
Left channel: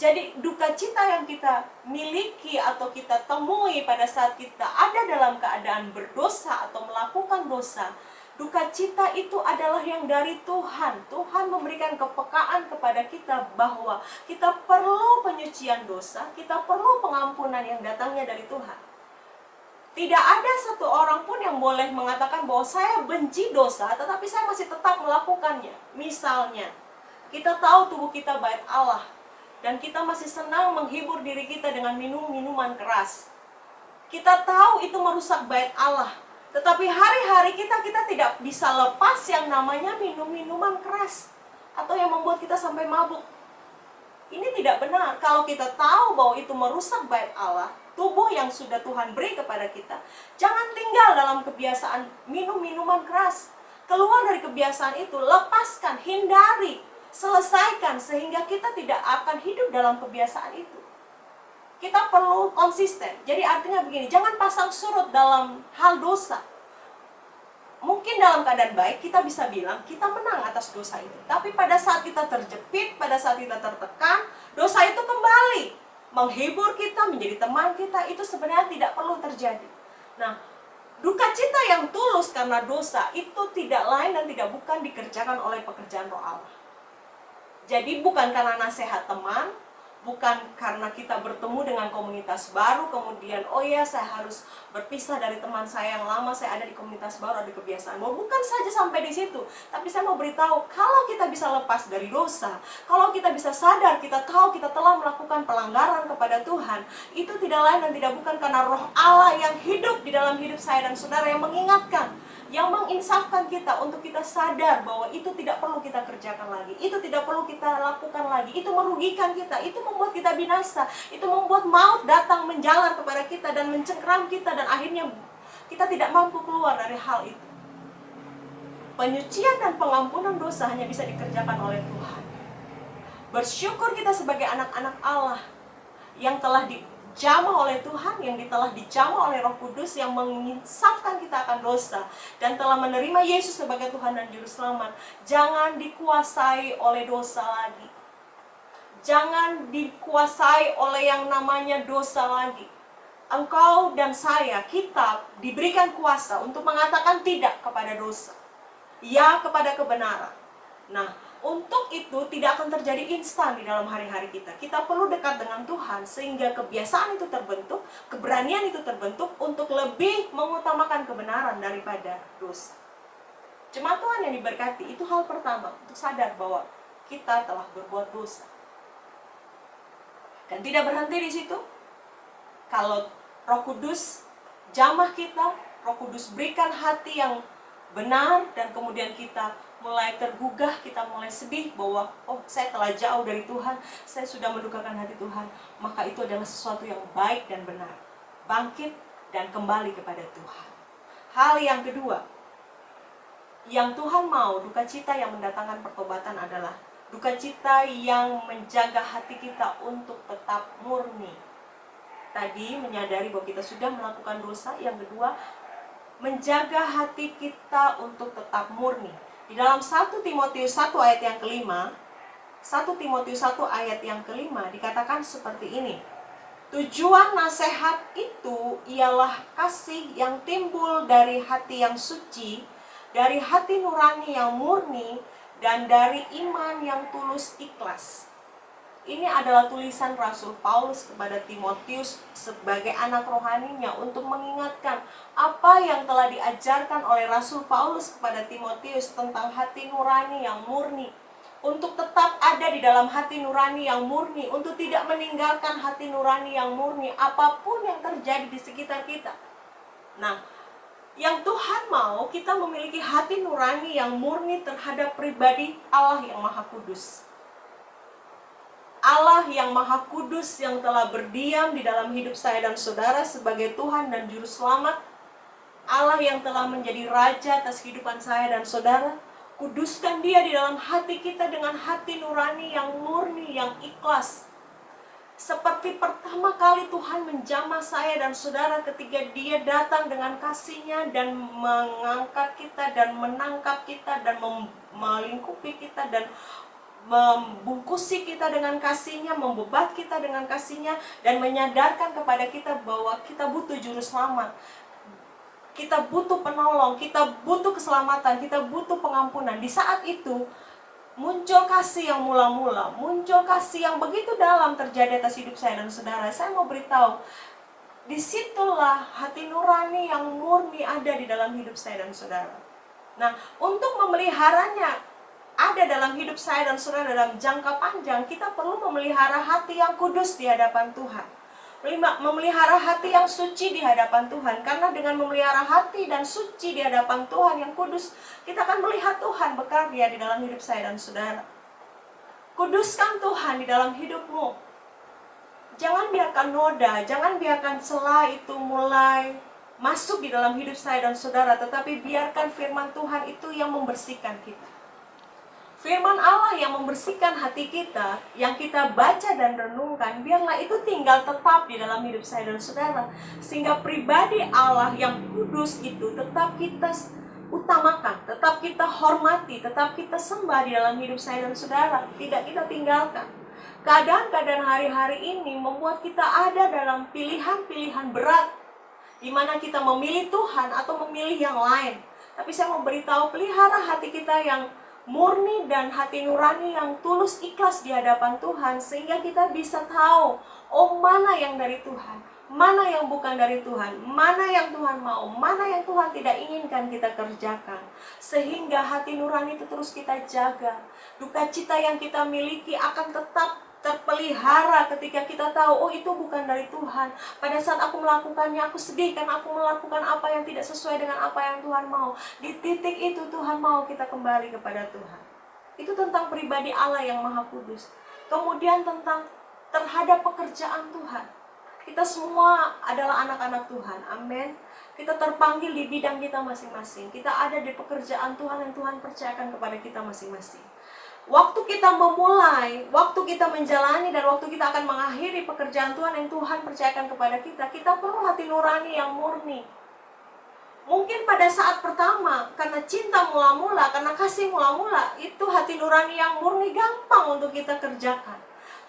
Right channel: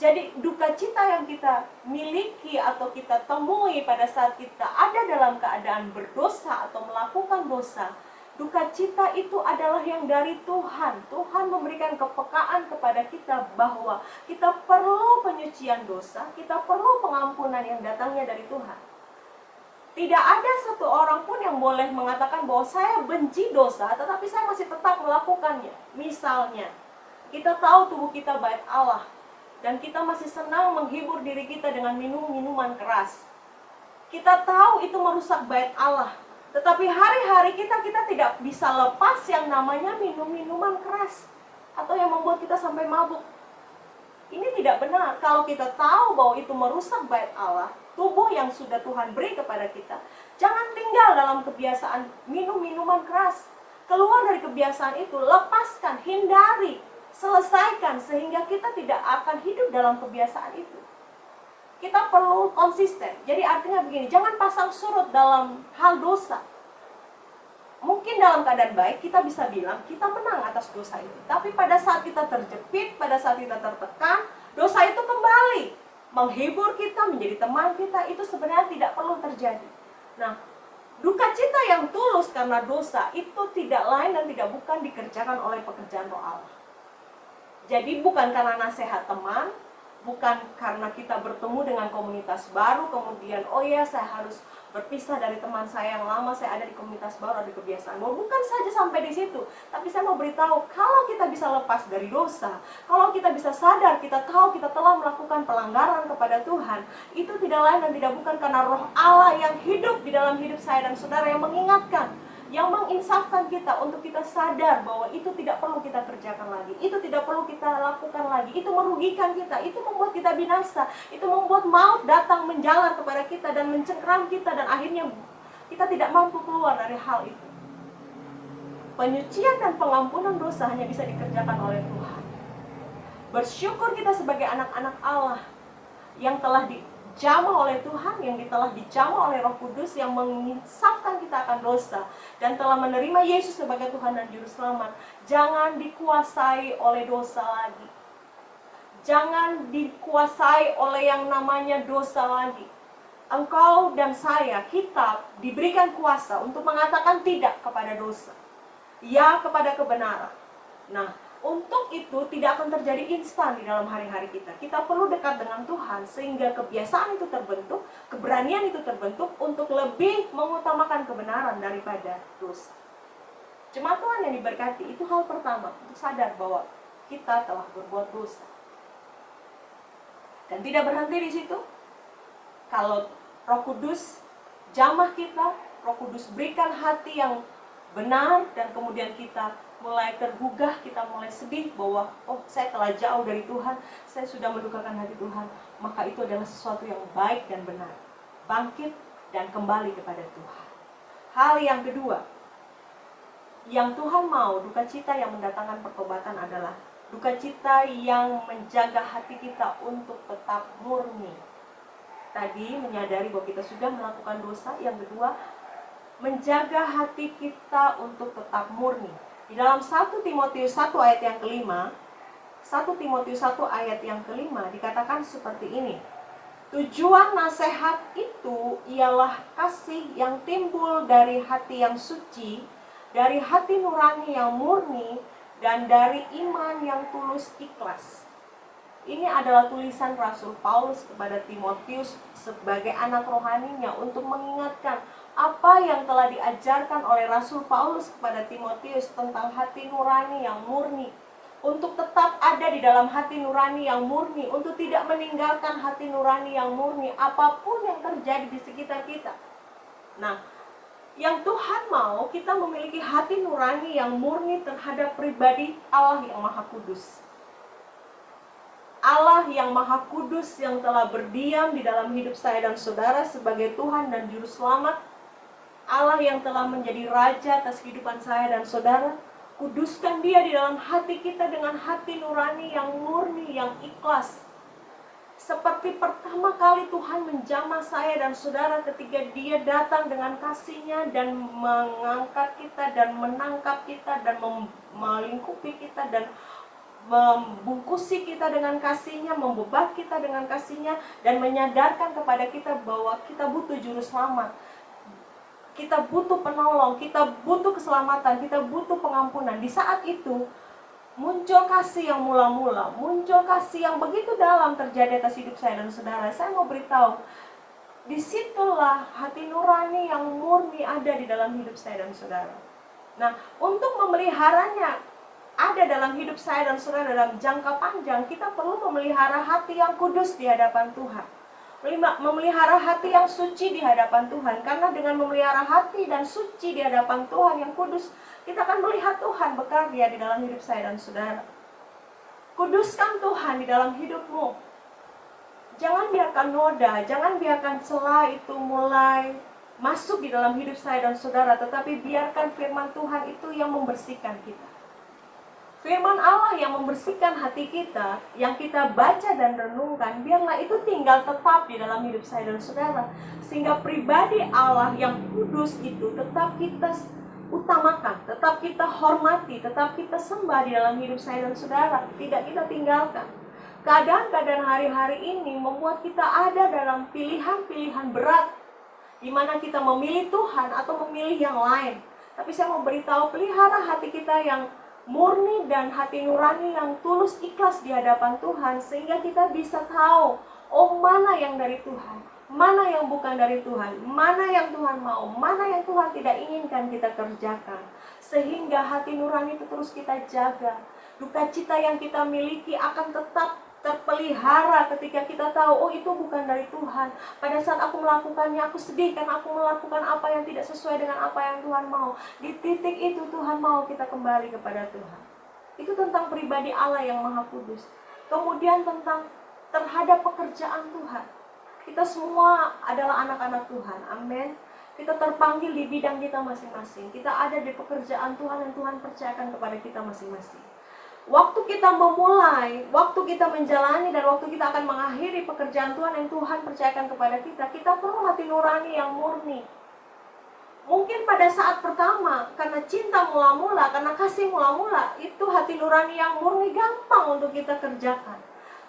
Jadi duka cita yang kita miliki atau kita temui pada saat kita ada dalam keadaan berdosa atau melakukan dosa, duka cita itu adalah yang dari Tuhan. Tuhan memberikan kepekaan kepada kita bahwa kita perlu penyucian dosa, kita perlu pengampunan yang datangnya dari Tuhan. Tidak ada satu orang pun yang boleh mengatakan bahwa saya benci dosa, tetapi saya masih tetap melakukannya. Misalnya, kita tahu tubuh kita bait Allah, dan kita masih senang menghibur diri kita dengan minuman keras. Kita tahu itu merusak bait Allah, tetapi hari-hari kita tidak bisa lepas yang namanya minuman keras atau yang membuat kita sampai mabuk. Ini tidak benar. Kalau kita tahu bahwa itu merusak bait Allah, tubuh yang sudah Tuhan beri kepada kita, jangan tinggal dalam kebiasaan minum minuman keras. Keluar dari kebiasaan itu, lepaskan, hindari, selesaikan, sehingga kita tidak akan hidup dalam kebiasaan itu. Kita perlu konsisten. Jadi artinya begini, jangan pasang surut dalam hal dosa. Mungkin dalam keadaan baik kita bisa bilang kita menang atas dosa itu. Tapi pada saat kita terjepit, pada saat kita tertekan, dosa itu kembali menghibur kita, menjadi teman kita. Itu sebenarnya tidak perlu terjadi. Nah, duka cita yang tulus karena dosa itu tidak lain dan tidak bukan dikerjakan oleh pekerjaan Roh Allah. Jadi bukan karena nasihat teman, bukan karena kita bertemu dengan komunitas baru, kemudian oh ya saya harus berpisah dari teman saya yang lama, saya ada di komunitas baru, ada kebiasaan baru. Bukan saja sampai di situ, tapi saya mau beritahu, kalau kita bisa lepas dari dosa, kalau kita bisa sadar, kita tahu kita telah melakukan pelanggaran kepada Tuhan, itu tidak lain dan tidak bukan karena Roh Allah yang hidup di dalam hidup saya dan saudara, yang mengingatkan, yang menginsafkan kita untuk kita sadar bahwa itu tidak perlu kita kerjakan lagi, itu tidak perlu kita lakukan lagi, itu merugikan kita, itu membuat kita binasa, itu membuat maut datang menjalar kepada kita dan mencengkram kita, dan akhirnya kita tidak mampu keluar dari hal itu. Penyucian dan pengampunan dosa hanya bisa dikerjakan oleh Tuhan. Bersyukur kita sebagai anak-anak Allah yang telah dijamah oleh Tuhan, yang telah dijamah oleh Roh Kudus, yang menginsafkan kita akan dosa dan telah menerima Yesus sebagai Tuhan dan Juru Selamat. Jangan dikuasai oleh dosa lagi. Jangan dikuasai oleh yang namanya dosa lagi. Engkau dan saya, kita diberikan kuasa untuk mengatakan tidak kepada dosa, ya kepada kebenaran. Nah, untuk itu tidak akan terjadi instan di dalam hari-hari kita. Kita perlu dekat dengan Tuhan sehingga kebiasaan itu terbentuk, keberanian itu terbentuk untuk lebih mengutamakan kebenaran daripada dosa. Jemaat Tuhan yang diberkati, itu hal pertama, untuk sadar bahwa kita telah berbuat dosa. Dan tidak berhenti di situ. Kalau Roh Kudus jamah kita, Roh Kudus berikan hati yang benar, dan kemudian kita mulai tergugah, kita mulai sedih bahwa oh, saya telah jauh dari Tuhan, saya sudah mendukakan hati Tuhan, maka itu adalah sesuatu yang baik dan benar. Bangkit dan kembali kepada Tuhan. Hal yang kedua, yang Tuhan mau, duka cita yang mendatangkan pertobatan adalah duka cita yang menjaga hati kita untuk tetap murni. Tadi menyadari bahwa kita sudah melakukan dosa. Yang kedua, menjaga hati kita untuk tetap murni. Di dalam 1 Timotius 1 ayat yang kelima, 1 Timotius 1 ayat yang kelima dikatakan seperti ini. Tujuan nasihat itu ialah kasih yang timbul dari hati yang suci, dari hati nurani yang murni, dan dari iman yang tulus ikhlas. Ini adalah tulisan Rasul Paulus kepada Timotius sebagai anak rohaninya untuk mengingatkan apa yang telah diajarkan oleh Rasul Paulus kepada Timotius tentang hati nurani yang murni. Untuk tetap ada di dalam hati nurani yang murni, untuk tidak meninggalkan hati nurani yang murni apapun yang terjadi di sekitar kita. Nah, yang Tuhan mau kita memiliki hati nurani yang murni terhadap pribadi Allah yang Maha Kudus. Allah yang Maha Kudus yang telah berdiam di dalam hidup saya dan saudara sebagai Tuhan dan Juru Selamat. Allah yang telah menjadi Raja atas kehidupan saya dan saudara. Kuduskan Dia di dalam hati kita dengan hati nurani yang murni, yang ikhlas. Seperti pertama kali Tuhan menjamah saya dan saudara ketika Dia datang dengan kasih-Nya dan mengangkat kita dan menangkap kita dan melingkupi kita dan membungkusi kita dengan kasih-Nya, membebat kita dengan kasih-Nya, dan menyadarkan kepada kita bahwa kita butuh juru selamat, kita butuh penolong, kita butuh keselamatan, kita butuh pengampunan. Di saat itu muncul kasih yang mula-mula, muncul kasih yang begitu dalam terjadi atas hidup saya dan saudara. Saya mau beritahu, disitulah hati nurani yang murni ada di dalam hidup saya dan saudara. Nah, untuk memeliharanya ada dalam hidup saya dan saudara dalam jangka panjang, kita perlu memelihara hati yang kudus di hadapan Tuhan. Memelihara hati yang suci di hadapan Tuhan. Karena dengan memelihara hati dan suci di hadapan Tuhan yang kudus, kita akan melihat Tuhan bekerja di dalam hidup saya dan saudara. Kuduskan Tuhan di dalam hidupmu. Jangan biarkan noda, jangan biarkan celah itu mulai masuk di dalam hidup saya dan saudara, tetapi biarkan firman Tuhan itu yang membersihkan kita. Firman Allah yang membersihkan hati kita, yang kita baca dan renungkan, biarlah itu tinggal tetap di dalam hidup saya dan saudara. Sehingga pribadi Allah yang kudus itu tetap kita utamakan, tetap kita hormati, tetap kita sembah di dalam hidup saya dan saudara. Tidak kita tinggalkan. Keadaan-keadaan hari-hari ini membuat kita ada dalam pilihan-pilihan berat, di mana kita memilih Tuhan atau memilih yang lain. Tapi saya mau beritahu, pelihara hati kita yang murni dan hati nurani yang tulus ikhlas di hadapan Tuhan, sehingga kita bisa tahu, oh mana yang dari Tuhan, mana yang bukan dari Tuhan, mana yang Tuhan mau, mana yang Tuhan tidak inginkan kita kerjakan. Sehingga hati nurani itu terus kita jaga. Duka cita yang kita miliki akan tetap terpelihara ketika kita tahu, oh itu bukan dari Tuhan. Pada saat aku melakukannya, aku sedih karena aku melakukan apa yang tidak sesuai dengan apa yang Tuhan mau. Di titik itu Tuhan mau kita kembali kepada Tuhan. Itu tentang pribadi Allah yang Maha Kudus. Kemudian tentang terhadap pekerjaan Tuhan. Kita semua adalah anak-anak Tuhan, amin. Kita terpanggil di bidang kita masing-masing. Kita ada di pekerjaan Tuhan yang Tuhan percayakan kepada kita masing-masing. Waktu kita memulai, waktu kita menjalani, dan waktu kita akan mengakhiri pekerjaan Tuhan yang Tuhan percayakan kepada kita, kita perlu hati nurani yang murni. Mungkin pada saat pertama, karena cinta mula-mula, karena kasih mula-mula, itu hati nurani yang murni gampang untuk kita kerjakan.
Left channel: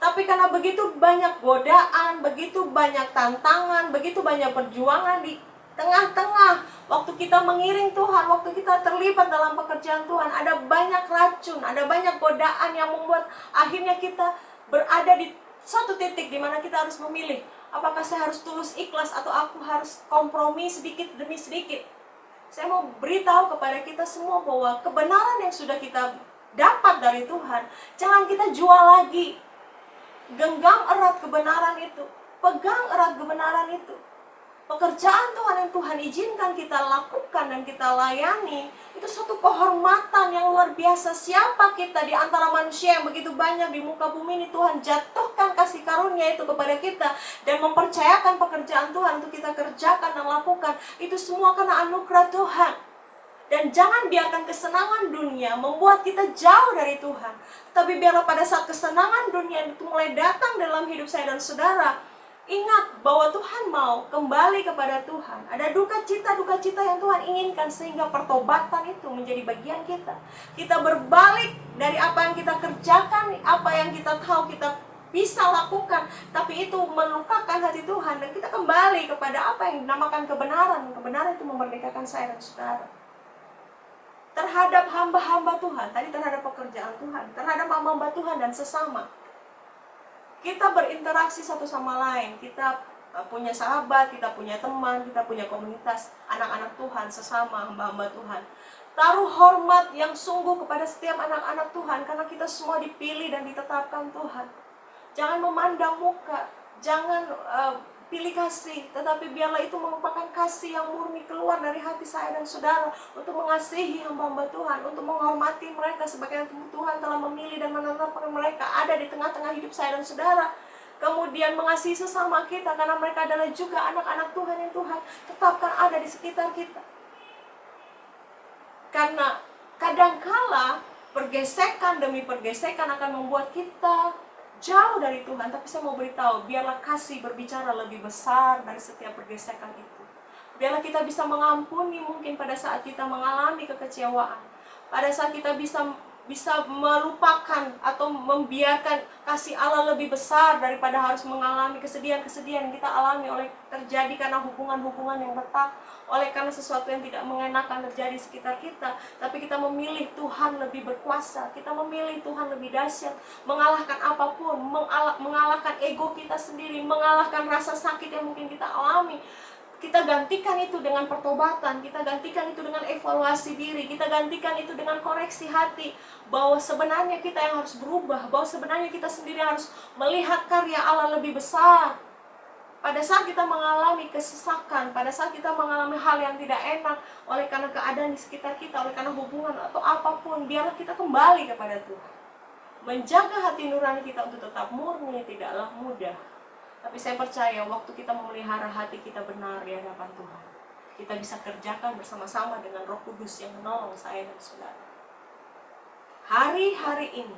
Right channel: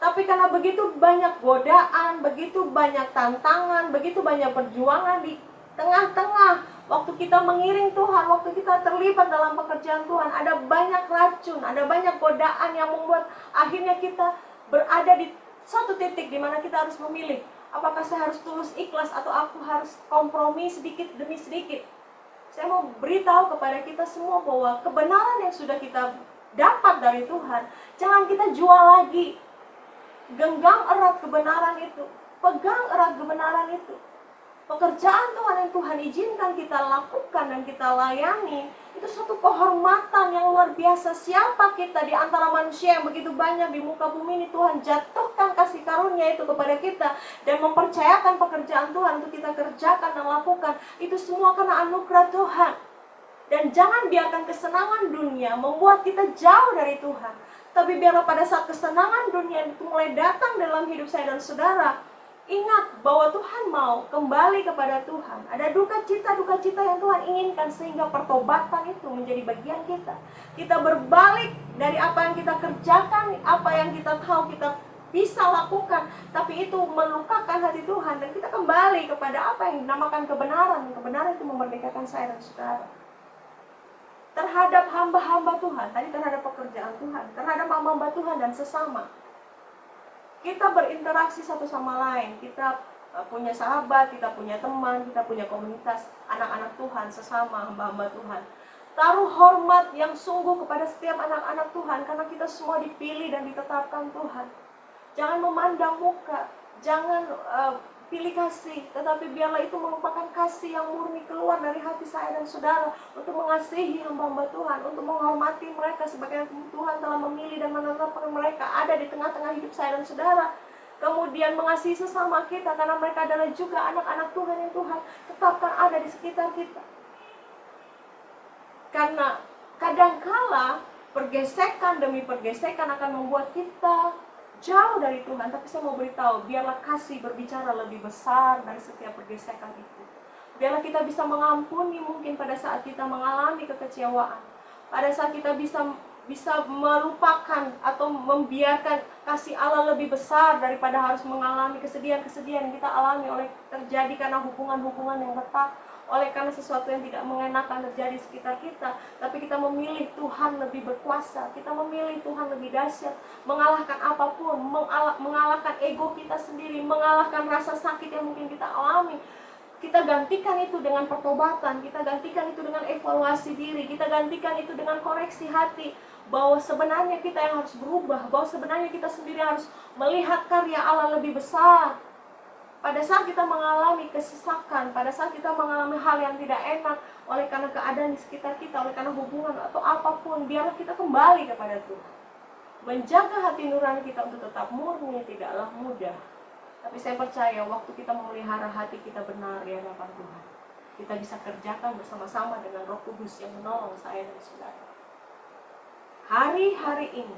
Tapi karena begitu banyak godaan, begitu banyak tantangan, begitu banyak perjuangan di tengah-tengah waktu kita mengiring Tuhan, waktu kita terlibat dalam pekerjaan Tuhan, ada banyak racun, ada banyak godaan yang membuat akhirnya kita berada di suatu titik di mana kita harus memilih, apakah saya harus tulus ikhlas atau aku harus kompromi sedikit demi sedikit. Saya mau beritahu kepada kita semua bahwa kebenaran yang sudah kita dapat dari Tuhan, jangan kita jual lagi. Genggam erat kebenaran itu, pegang erat kebenaran itu. Pekerjaan Tuhan yang Tuhan izinkan kita lakukan dan kita layani, itu suatu kehormatan yang luar biasa. Siapa kita di antara manusia yang begitu banyak di muka bumi ini? Tuhan jatuhkan kasih karunia itu kepada kita dan mempercayakan pekerjaan Tuhan untuk kita kerjakan dan lakukan. Itu semua karena anugerah Tuhan. Dan jangan biarkan kesenangan dunia membuat kita jauh dari Tuhan. Tapi biarlah pada saat kesenangan dunia itu mulai datang dalam hidup saya dan saudara, ingat bahwa Tuhan mau kembali kepada Tuhan. Ada duka cita yang Tuhan inginkan sehingga pertobatan itu menjadi bagian kita. Kita berbalik dari apa yang kita kerjakan, apa yang kita tahu kita bisa lakukan, tapi itu melukakan hati Tuhan, dan kita kembali kepada apa yang dinamakan kebenaran. Kebenaran itu memerdekakan saya dan saudara terhadap hamba-hamba Tuhan, tadi terhadap pekerjaan Tuhan, terhadap hamba-hamba Tuhan dan sesama. Kita berinteraksi satu sama lain, kita punya sahabat, kita punya teman, kita punya komunitas, anak-anak Tuhan, sesama hamba-hamba Tuhan. Taruh hormat yang sungguh kepada setiap anak-anak Tuhan, karena kita semua dipilih dan ditetapkan Tuhan. Jangan memandang muka, jangan pilih kasih, tetapi biarlah itu merupakan kasih yang murni keluar dari hati saya dan saudara untuk mengasihi hamba-hamba Tuhan, untuk menghormati mereka sebagai Tuhan telah memilih dan menetapkan mereka ada di tengah-tengah hidup saya dan saudara. Kemudian mengasihi sesama kita karena mereka adalah juga anak-anak Tuhan yang Tuhan tetapkan ada di sekitar kita. Karena kadangkala pergesekan demi pergesekan akan membuat kita jauh dari Tuhan, tapi saya mau beritahu, biarlah kasih berbicara lebih besar dari setiap pergesekan itu. Biarlah kita bisa mengampuni mungkin pada saat kita mengalami kekecewaan, pada saat kita bisa melupakan atau membiarkan kasih Allah lebih besar daripada harus mengalami kesedihan-kesedihan yang kita alami oleh terjadi karena hubungan-hubungan yang retak, oleh karena sesuatu yang tidak mengenakan terjadi di sekitar kita. Tapi kita memilih Tuhan lebih berkuasa, kita memilih Tuhan lebih dahsyat, mengalahkan apapun, mengalahkan ego kita sendiri, mengalahkan rasa sakit yang mungkin kita alami. Kita gantikan itu dengan pertobatan, kita gantikan itu dengan evaluasi diri, kita gantikan itu dengan koreksi hati, bahwa sebenarnya kita yang harus berubah, bahwa sebenarnya kita sendiri harus melihat karya Allah lebih besar. Pada saat kita mengalami kesesakan, pada saat kita mengalami hal yang tidak enak oleh karena keadaan di sekitar kita, oleh karena hubungan atau apapun, biarlah kita kembali kepada Tuhan. Menjaga hati nurani kita untuk tetap murni tidaklah mudah. Tapi saya percaya waktu kita memelihara hati kita benar di hadapan Tuhan, kita bisa kerjakan bersama-sama dengan Roh Kudus yang menolong saya dan saudara. Hari-hari ini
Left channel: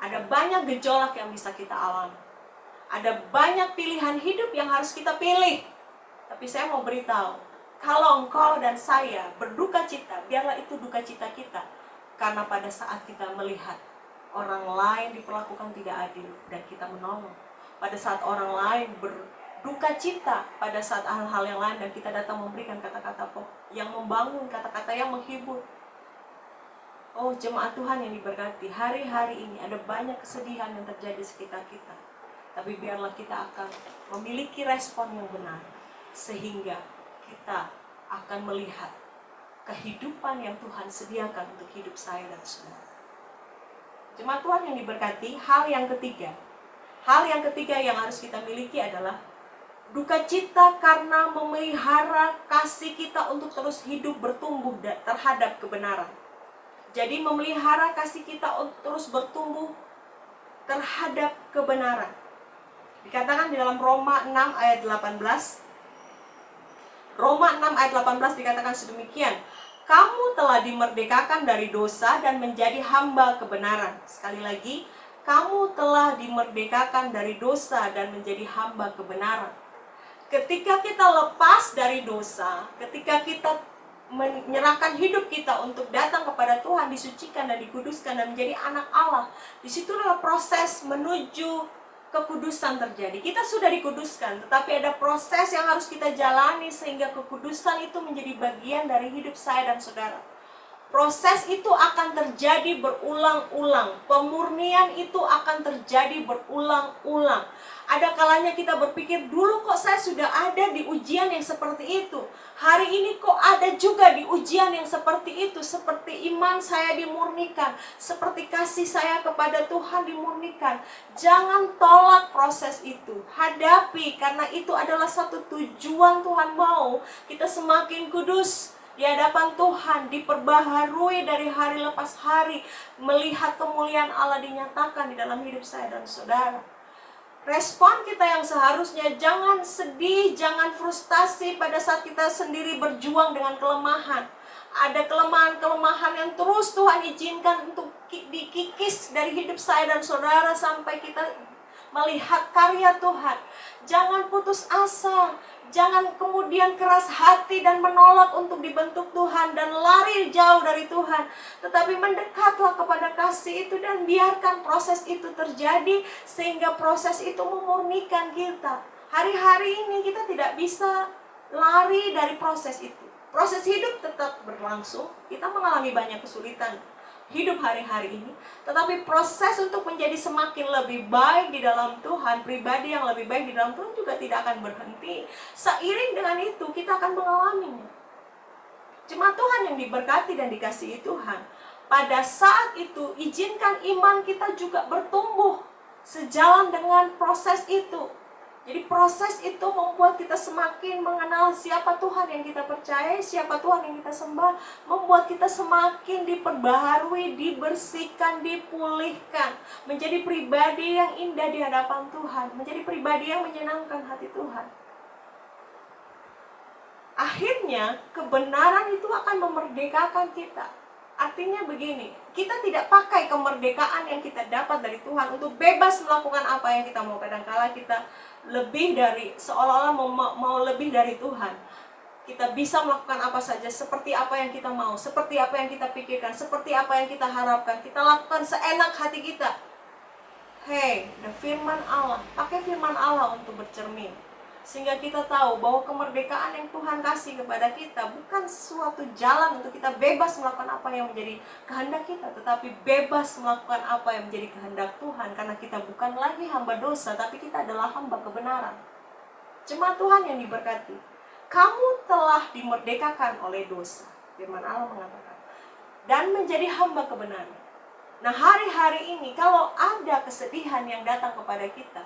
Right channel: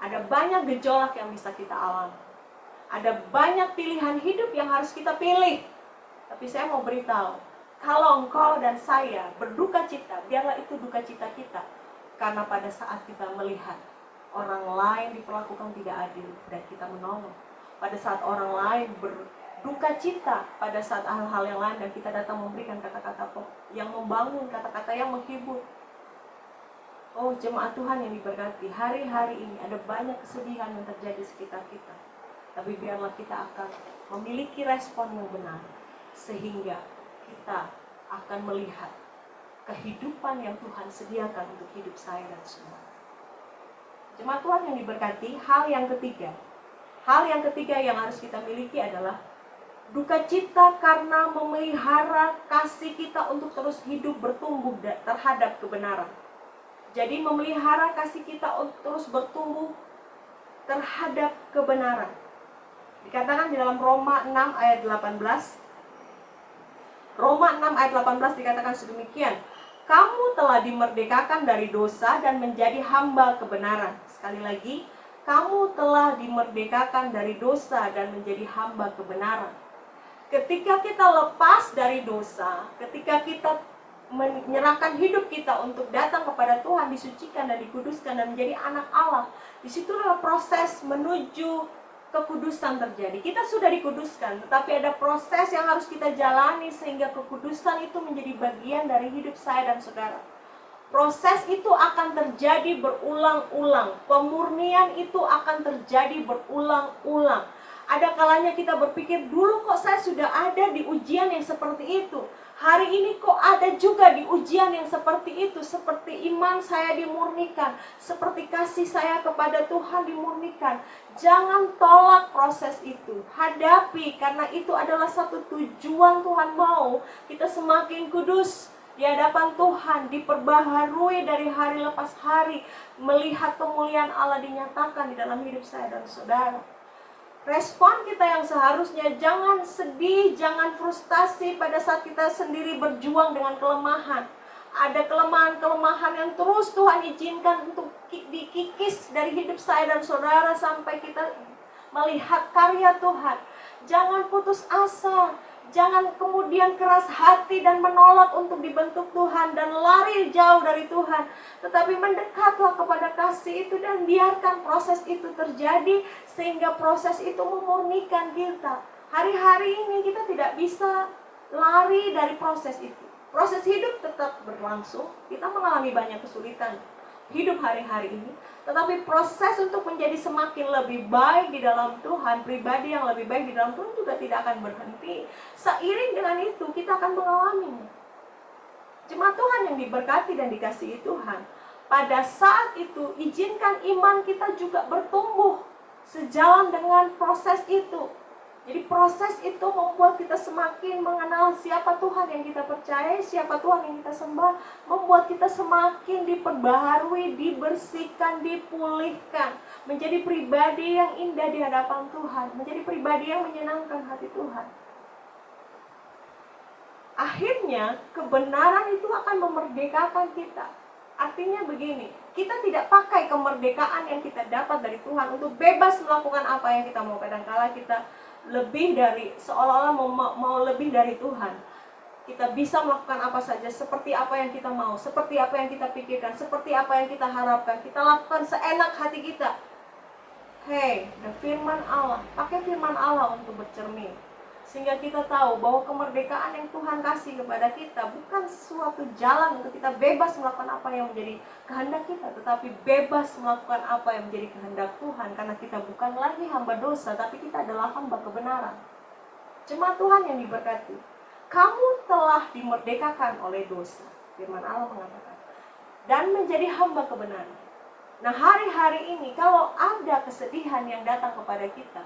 ada banyak gejolak yang bisa kita alami. Ada banyak pilihan hidup yang harus kita pilih. Tapi saya mau beritahu, kalau engkau dan saya berduka cita, biarlah itu duka cita kita. Karena pada saat kita melihat orang lain diperlakukan tidak adil dan kita menolong. Pada saat orang lain berduka cita, pada saat hal-hal yang lain dan kita datang memberikan kata-kata yang membangun, kata-kata yang menghibur. Oh jemaat Tuhan yang diberkati, hari-hari ini ada banyak kesedihan yang terjadi di sekitar kita. Tapi biarlah kita akan memiliki respon yang benar, sehingga kita akan melihat kehidupan yang Tuhan sediakan untuk hidup saya dan saudara. Jemaat Tuhan yang diberkati, hal yang ketiga yang harus kita miliki adalah duka cita karena memelihara kasih kita untuk terus hidup bertumbuh terhadap kebenaran. Jadi memelihara kasih kita untuk terus bertumbuh terhadap kebenaran. Dikatakan di dalam Roma 6 ayat 18. Roma 6 ayat 18 dikatakan sedemikian. Kamu telah dimerdekakan dari dosa dan menjadi hamba kebenaran. Sekali lagi, kamu telah dimerdekakan dari dosa dan menjadi hamba kebenaran. Ketika kita lepas dari dosa, ketika kita menyerahkan hidup kita untuk datang kepada Tuhan, disucikan dan dikuduskan dan menjadi anak Allah, disitulah proses menuju kekudusan terjadi. Kita sudah dikuduskan, tetapi ada proses yang harus kita jalani sehingga kekudusan itu menjadi bagian dari hidup saya dan saudara. Proses itu akan terjadi berulang-ulang. Pemurnian itu akan terjadi berulang-ulang. Ada kalanya kita berpikir, dulu kok saya sudah ada di ujian yang seperti itu. Hari ini kok ada juga di ujian yang seperti itu. Seperti iman saya dimurnikan, seperti kasih saya kepada Tuhan dimurnikan. Jangan tolak proses itu, hadapi, karena itu adalah satu tujuan Tuhan mau kita semakin kudus di hadapan Tuhan, diperbaharui dari hari lepas hari, melihat kemuliaan Allah dinyatakan di dalam hidup saya dan saudara. Respon kita yang seharusnya jangan sedih, jangan frustasi pada saat kita sendiri berjuang dengan kelemahan. Ada kelemahan-kelemahan yang terus Tuhan izinkan untuk dikikis dari hidup saya dan saudara sampai kita melihat karya Tuhan. Jangan putus asa, jangan kemudian keras hati dan menolak untuk dibentuk Tuhan dan lari jauh dari Tuhan. Tetapi mendekatlah kepada kasih itu dan biarkan proses itu terjadi, sehingga proses itu memurnikan kita. Hari-hari ini kita tidak bisa lari dari proses itu. Proses hidup tetap berlangsung, kita mengalami banyak kesulitan hidup hari-hari ini, tetapi proses untuk menjadi semakin lebih baik di dalam Tuhan, pribadi yang lebih baik di dalam Tuhan juga tidak akan berhenti. Seiring dengan itu kita akan mengalaminya. Jemaat Tuhan yang diberkati dan dikasihi Tuhan, pada saat itu izinkan iman kita juga bertumbuh sejalan dengan proses itu. Jadi proses itu membuat kita semakin mengenal siapa Tuhan yang kita percaya, siapa Tuhan yang kita sembah, membuat kita semakin diperbaharui, dibersihkan, dipulihkan, menjadi pribadi yang indah di hadapan Tuhan, menjadi pribadi yang menyenangkan hati Tuhan. Akhirnya kebenaran itu akan memerdekakan kita. Artinya begini, kita tidak pakai kemerdekaan yang kita dapat dari Tuhan untuk bebas melakukan apa yang kita mau. Kadang-kala kita lebih dari, seolah-olah mau lebih dari Tuhan. Kita bisa melakukan apa saja, seperti apa yang kita mau, seperti apa yang kita pikirkan, seperti apa yang kita harapkan. Kita lakukan seenak hati kita. Hei, ada firman Allah, pakai firman Allah untuk bercermin, sehingga kita tahu bahwa kemerdekaan yang Tuhan kasih kepada kita bukan suatu jalan untuk kita bebas melakukan apa yang menjadi kehendak kita, tetapi bebas melakukan apa yang menjadi kehendak Tuhan, karena kita bukan lagi hamba dosa, tapi kita adalah hamba kebenaran. Jemaat Tuhan yang diberkati, kamu telah dimerdekakan oleh dosa, firman Allah mengatakan, dan menjadi hamba kebenaran. Nah, hari-hari ini kalau ada kesedihan yang datang kepada kita,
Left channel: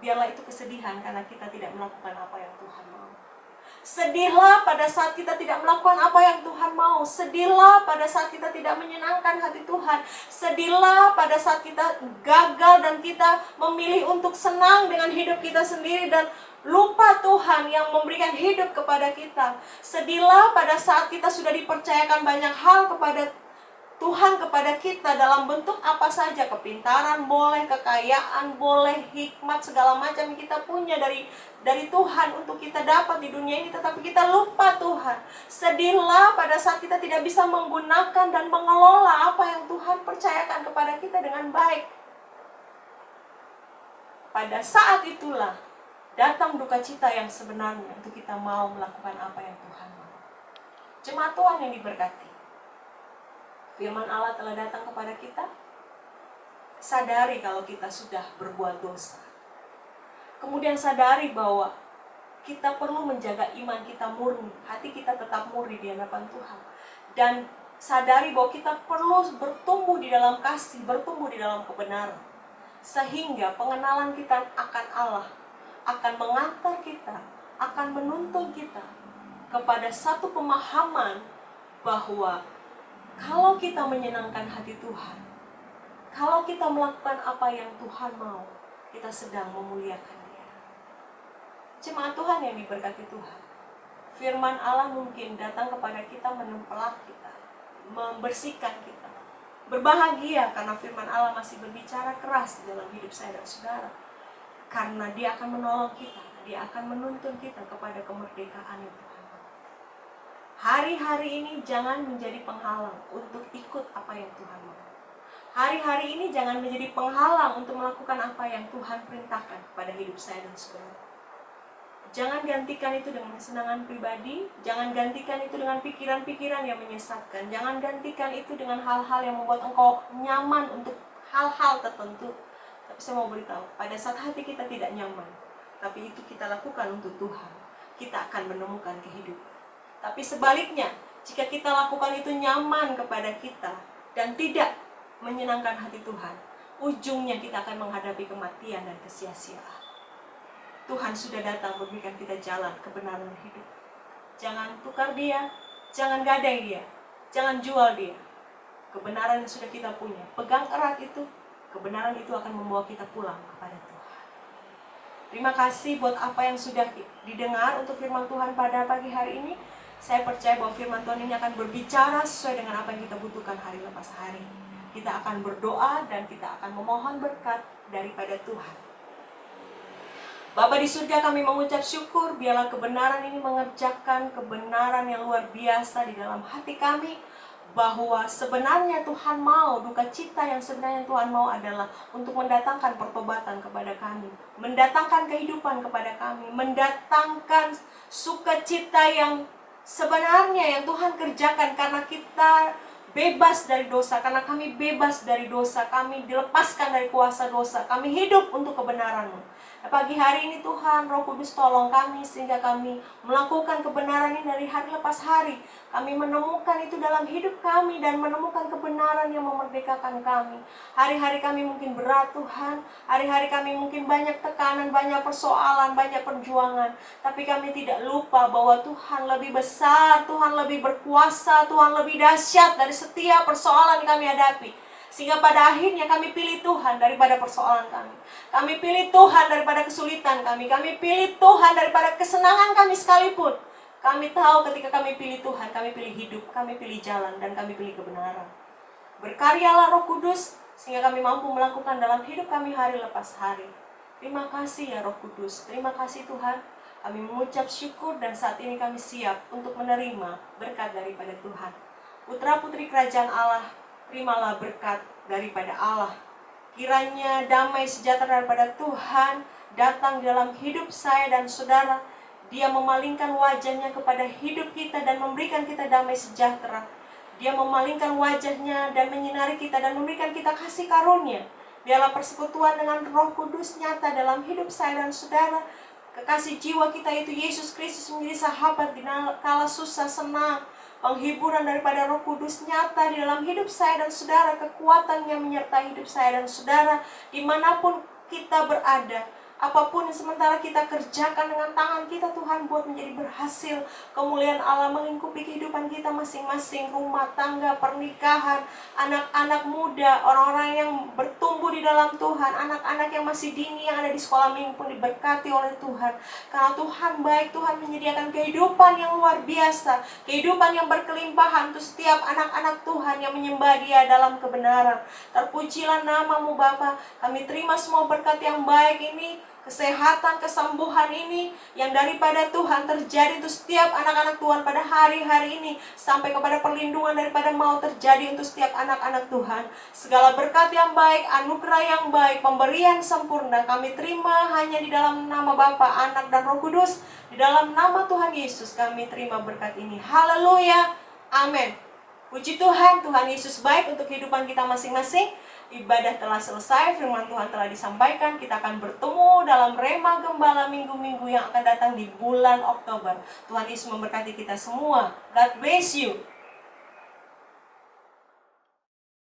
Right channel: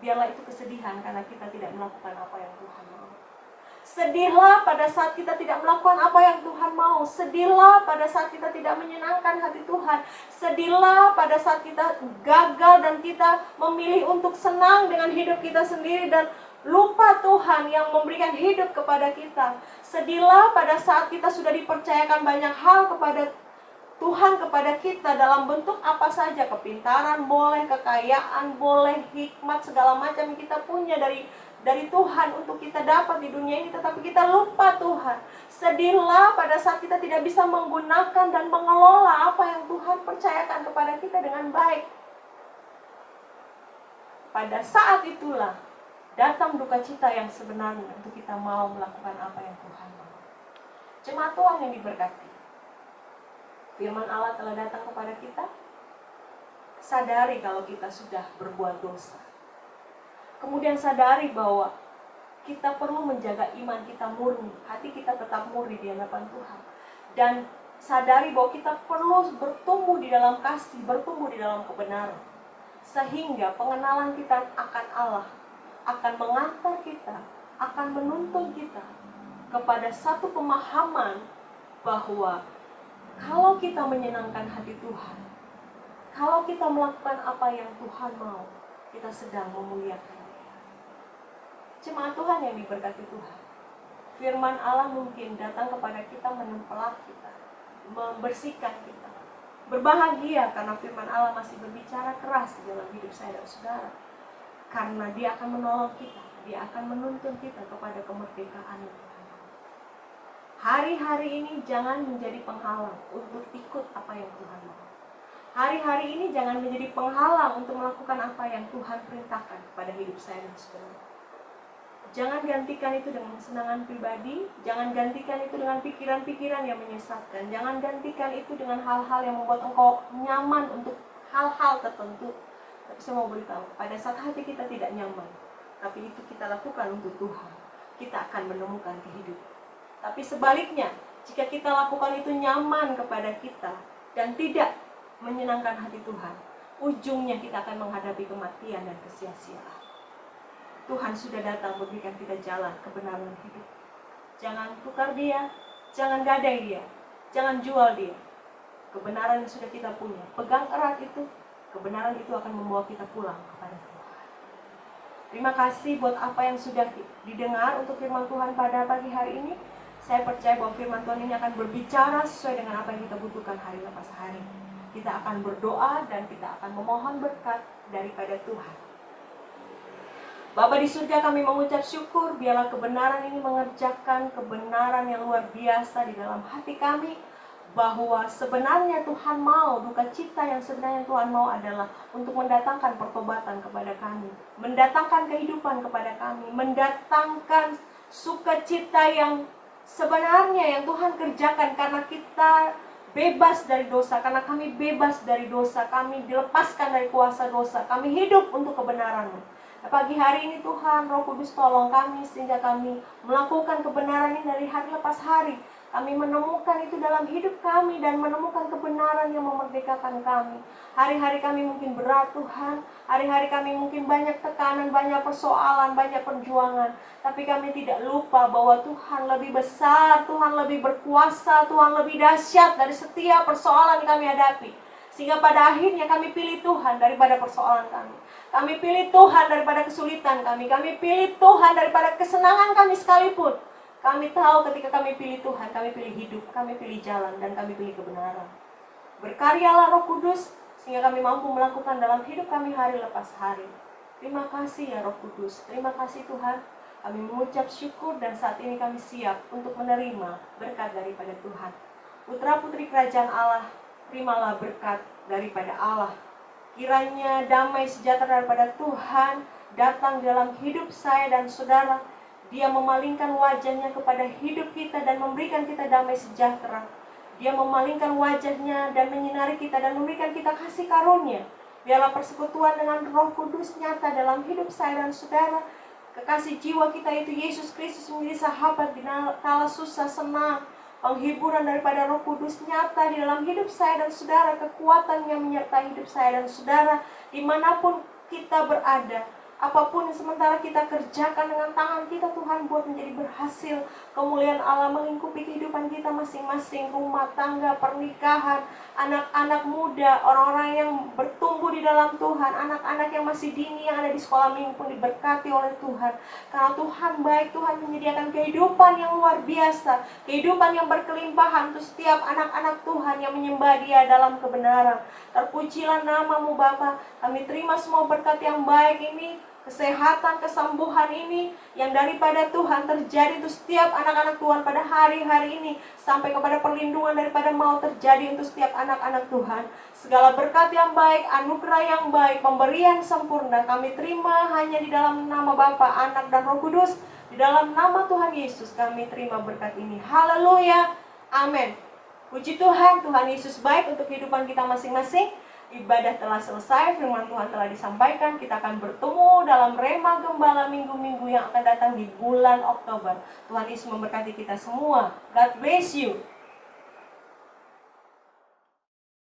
biarlah itu kesedihan karena kita tidak melakukan apa yang Tuhan mau. Sedihlah pada saat kita tidak melakukan apa yang Tuhan mau. Sedihlah pada saat kita tidak menyenangkan hati Tuhan. Sedihlah pada saat kita gagal dan kita memilih untuk senang dengan hidup kita sendiri dan lupa Tuhan yang memberikan hidup kepada kita. Sedihlah pada saat kita sudah dipercayakan banyak hal kepada Tuhan kepada kita dalam bentuk apa saja, kepintaran boleh, kekayaan boleh, hikmat segala macam yang kita punya dari Tuhan untuk kita dapat di dunia ini, tetapi kita lupa Tuhan. Sedihlah pada saat kita tidak bisa menggunakan dan mengelola apa yang Tuhan percayakan kepada kita dengan baik. Pada saat itulah datang duka cita yang sebenarnya untuk kita mau melakukan apa yang Tuhan mau. Jemaat Tuhan yang diberkati, firman Allah telah datang kepada kita. Sadari kalau kita sudah berbuat dosa. Kemudian sadari bahwa kita perlu menjaga iman kita murni, hati kita tetap murni di hadapan Tuhan. Dan sadari bahwa kita perlu bertumbuh di dalam kasih, bertumbuh di dalam kebenaran. Sehingga pengenalan kita akan Allah akan mengantar kita, akan menuntun kita kepada satu pemahaman bahwa kalau kita menyenangkan hati Tuhan, kalau kita melakukan apa yang Tuhan mau, kita sedang memuliakan Dia. Jemaat Tuhan yang diberkati Tuhan, firman Allah mungkin datang kepada kita, menempelak kita, membersihkan kita. Berbahagia karena firman Allah masih berbicara keras dalam hidup saya dan saudara. Karena Dia akan menolong kita, Dia akan menuntun kita kepada kemerdekaan yang Tuhan. Hari-hari ini jangan menjadi penghalang untuk ikut apa yang Tuhan mau. Hari-hari ini jangan menjadi penghalang untuk melakukan apa yang Tuhan perintahkan kepada hidup saya dan saudara. Jangan gantikan itu dengan kesenangan pribadi, jangan gantikan itu dengan pikiran-pikiran yang menyesatkan, jangan gantikan itu dengan hal-hal yang membuat engkau nyaman untuk hal-hal tertentu. Tapi saya mau beritahu, pada saat hati kita tidak nyaman, tapi itu kita lakukan untuk Tuhan, kita akan menemukan kehidupan. Tapi sebaliknya, jika kita lakukan itu nyaman kepada kita dan tidak menyenangkan hati Tuhan, ujungnya kita akan menghadapi kematian dan kesia-siaan. Tuhan sudah datang memberikan kita jalan kebenaran hidup. Jangan tukar dia, jangan gadai dia, jangan jual dia. Kebenaran yang sudah kita punya, pegang erat itu. Kebenaran itu akan membawa kita pulang kepada Tuhan. Terima kasih buat apa yang sudah didengar untuk firman Tuhan pada pagi hari ini. Saya percaya bahwa firman Tuhan ini akan berbicara sesuai dengan apa yang kita butuhkan hari lepas hari. Kita akan berdoa dan kita akan memohon berkat daripada Tuhan. Bapa di surga, kami mengucap syukur, biarlah kebenaran ini mengerjakan kebenaran yang luar biasa di dalam hati kami. Bahwa sebenarnya Tuhan mau, duka cita yang sebenarnya Tuhan mau adalah untuk mendatangkan pertobatan kepada kami, mendatangkan kehidupan kepada kami, mendatangkan sukacita yang sebenarnya yang Tuhan kerjakan karena kita bebas dari dosa, karena kami bebas dari dosa, kami dilepaskan dari kuasa dosa, kami hidup untuk kebenaran-Mu. Pagi hari ini Tuhan, Roh Kudus tolong kami sehingga kami melakukan kebenaran ini dari hari lepas hari. Kami menemukan itu dalam hidup kami dan menemukan kebenaran yang memerdekakan kami. Hari-hari kami mungkin berat Tuhan, hari-hari kami mungkin banyak tekanan, banyak persoalan, banyak perjuangan. Tapi kami tidak lupa bahwa Tuhan lebih besar, Tuhan lebih berkuasa, Tuhan lebih dahsyat dari setiap persoalan yang kami hadapi. Sehingga pada akhirnya kami pilih Tuhan daripada persoalan kami. Kami pilih Tuhan daripada kesulitan kami. Kami pilih Tuhan daripada kesenangan kami sekalipun. Kami tahu ketika kami pilih Tuhan, kami pilih hidup, kami pilih jalan, dan kami pilih kebenaran. Berkaryalah Roh Kudus, sehingga kami mampu melakukan dalam hidup kami hari lepas hari. Terima kasih ya Roh Kudus, terima kasih Tuhan. Kami mengucap syukur dan saat ini kami siap untuk menerima berkat daripada Tuhan. Putra putri kerajaan Allah, terimalah berkat daripada Allah. Kiranya damai sejahtera daripada Tuhan datang dalam hidup saya dan saudara. Dia memalingkan wajahnya kepada hidup kita dan memberikan kita damai sejahtera. Dia memalingkan wajahnya dan menyinari kita dan memberikan kita kasih karunia. Biarlah persekutuan dengan Roh Kudus nyata dalam hidup saya dan saudara. Kekasih jiwa kita itu Yesus Kristus menjadi sahabat di kala susah senang. Penghiburan daripada Roh Kudus nyata di dalam hidup saya dan saudara. Kekuatannya menyertai hidup saya dan saudara dimanapun kita berada. Apapun yang sementara kita kerjakan dengan tangan kita, Tuhan buat menjadi berhasil. Kemuliaan Allah melingkupi kehidupan kita masing-masing. Rumah tangga, pernikahan, anak-anak muda, orang-orang yang bertumbuh di dalam Tuhan, anak-anak yang masih dini yang ada di sekolah minggu pun diberkati oleh Tuhan. Karena Tuhan baik, Tuhan menyediakan kehidupan yang luar biasa, kehidupan yang berkelimpahan untuk setiap anak-anak Tuhan yang menyembah Dia dalam kebenaran. Terpujilah nama-Mu Bapa. Kami terima semua berkat yang baik ini, kesehatan, kesembuhan ini yang daripada Tuhan terjadi untuk setiap anak-anak Tuhan pada hari-hari ini, sampai kepada perlindungan daripada mau terjadi untuk setiap anak-anak Tuhan. Segala berkat yang baik, anugerah yang baik, pemberian sempurna kami terima hanya di dalam nama Bapa, Anak, dan Roh Kudus. Di dalam nama Tuhan Yesus kami terima berkat ini. Haleluya, amin. Puji Tuhan, Tuhan Yesus baik untuk kehidupan kita masing-masing. Ibadah telah selesai, firman Tuhan telah disampaikan. Kita akan bertemu dalam Rema Gembala minggu-minggu yang akan datang di bulan Oktober. Tuhan Yesus memberkati kita semua. God bless you.